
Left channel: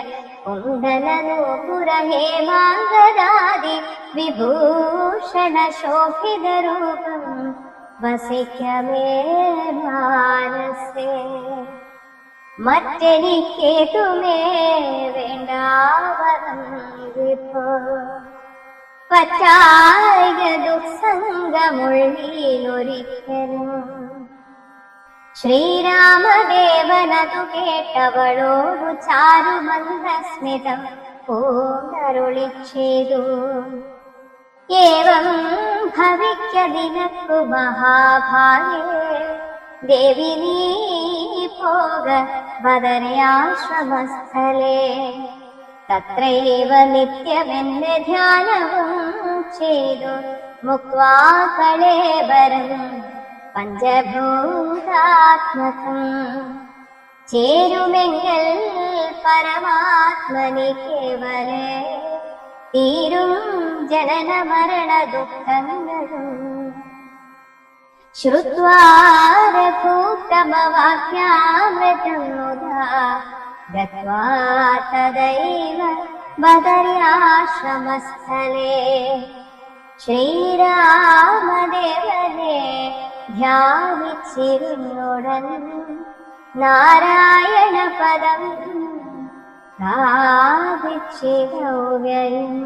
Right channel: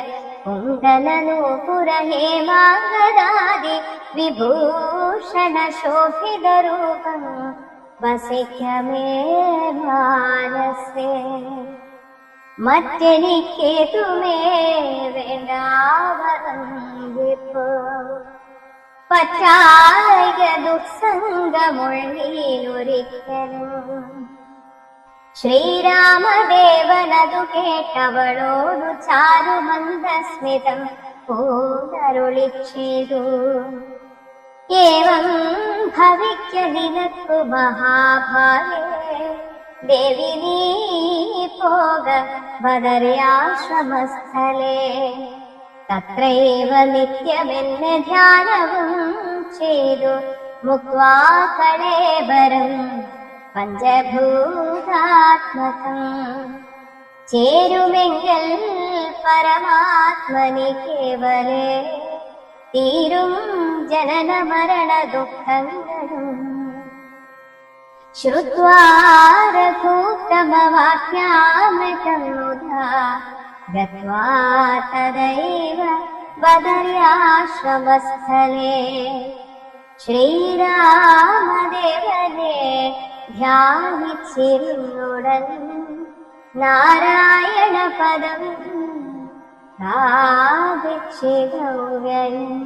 കുണ്ടലനൂപുരഹേമാംഗദാദി വിഭൂഷണശോഭിതരൂപം വസിക്കമേ മാനസേ. മറ്റെനിക്കേതുമേ വേണ്ടാമോ, പറ്റായ ദുസ്സംഗമൊഴിയൊരിക്കലും. ശ്രീരാമദേവനതു കേട്ടവളോടു ചാരുമന്ദസ്മിതം പൂണ്ടരുളിച്ചേതു. ഏവം ഭവിക്കതിനക്കു മഹാഭാരേ, ദേവി നീ പോക ബദര്യാശ്രമസ്ഥലേ. തത്രൈവ നിത്യമെന്നെ ധ്യാനവും ചെയ്തു മുക്വാ കലേവരം പഞ്ചഭൂതാത്മകം. ചേരുമെങ്കിൽ പരമാത്മനി കേവലേ, തീരും ജനന മരണ ദുഃഖങ്ങളും. ശ്രുത്വാ രഘൂത്തമവാക്യാമൃതം മുദാ ഗത്വാ തദൈവ ബദര്യാശ്രമസ്ഥലേ. ശ്രീരാമദേവനെ ധ്യാനിച്ചിരുന്നുടൻ നാരായണ പദം പ്രാപിച്ചിടുകയും.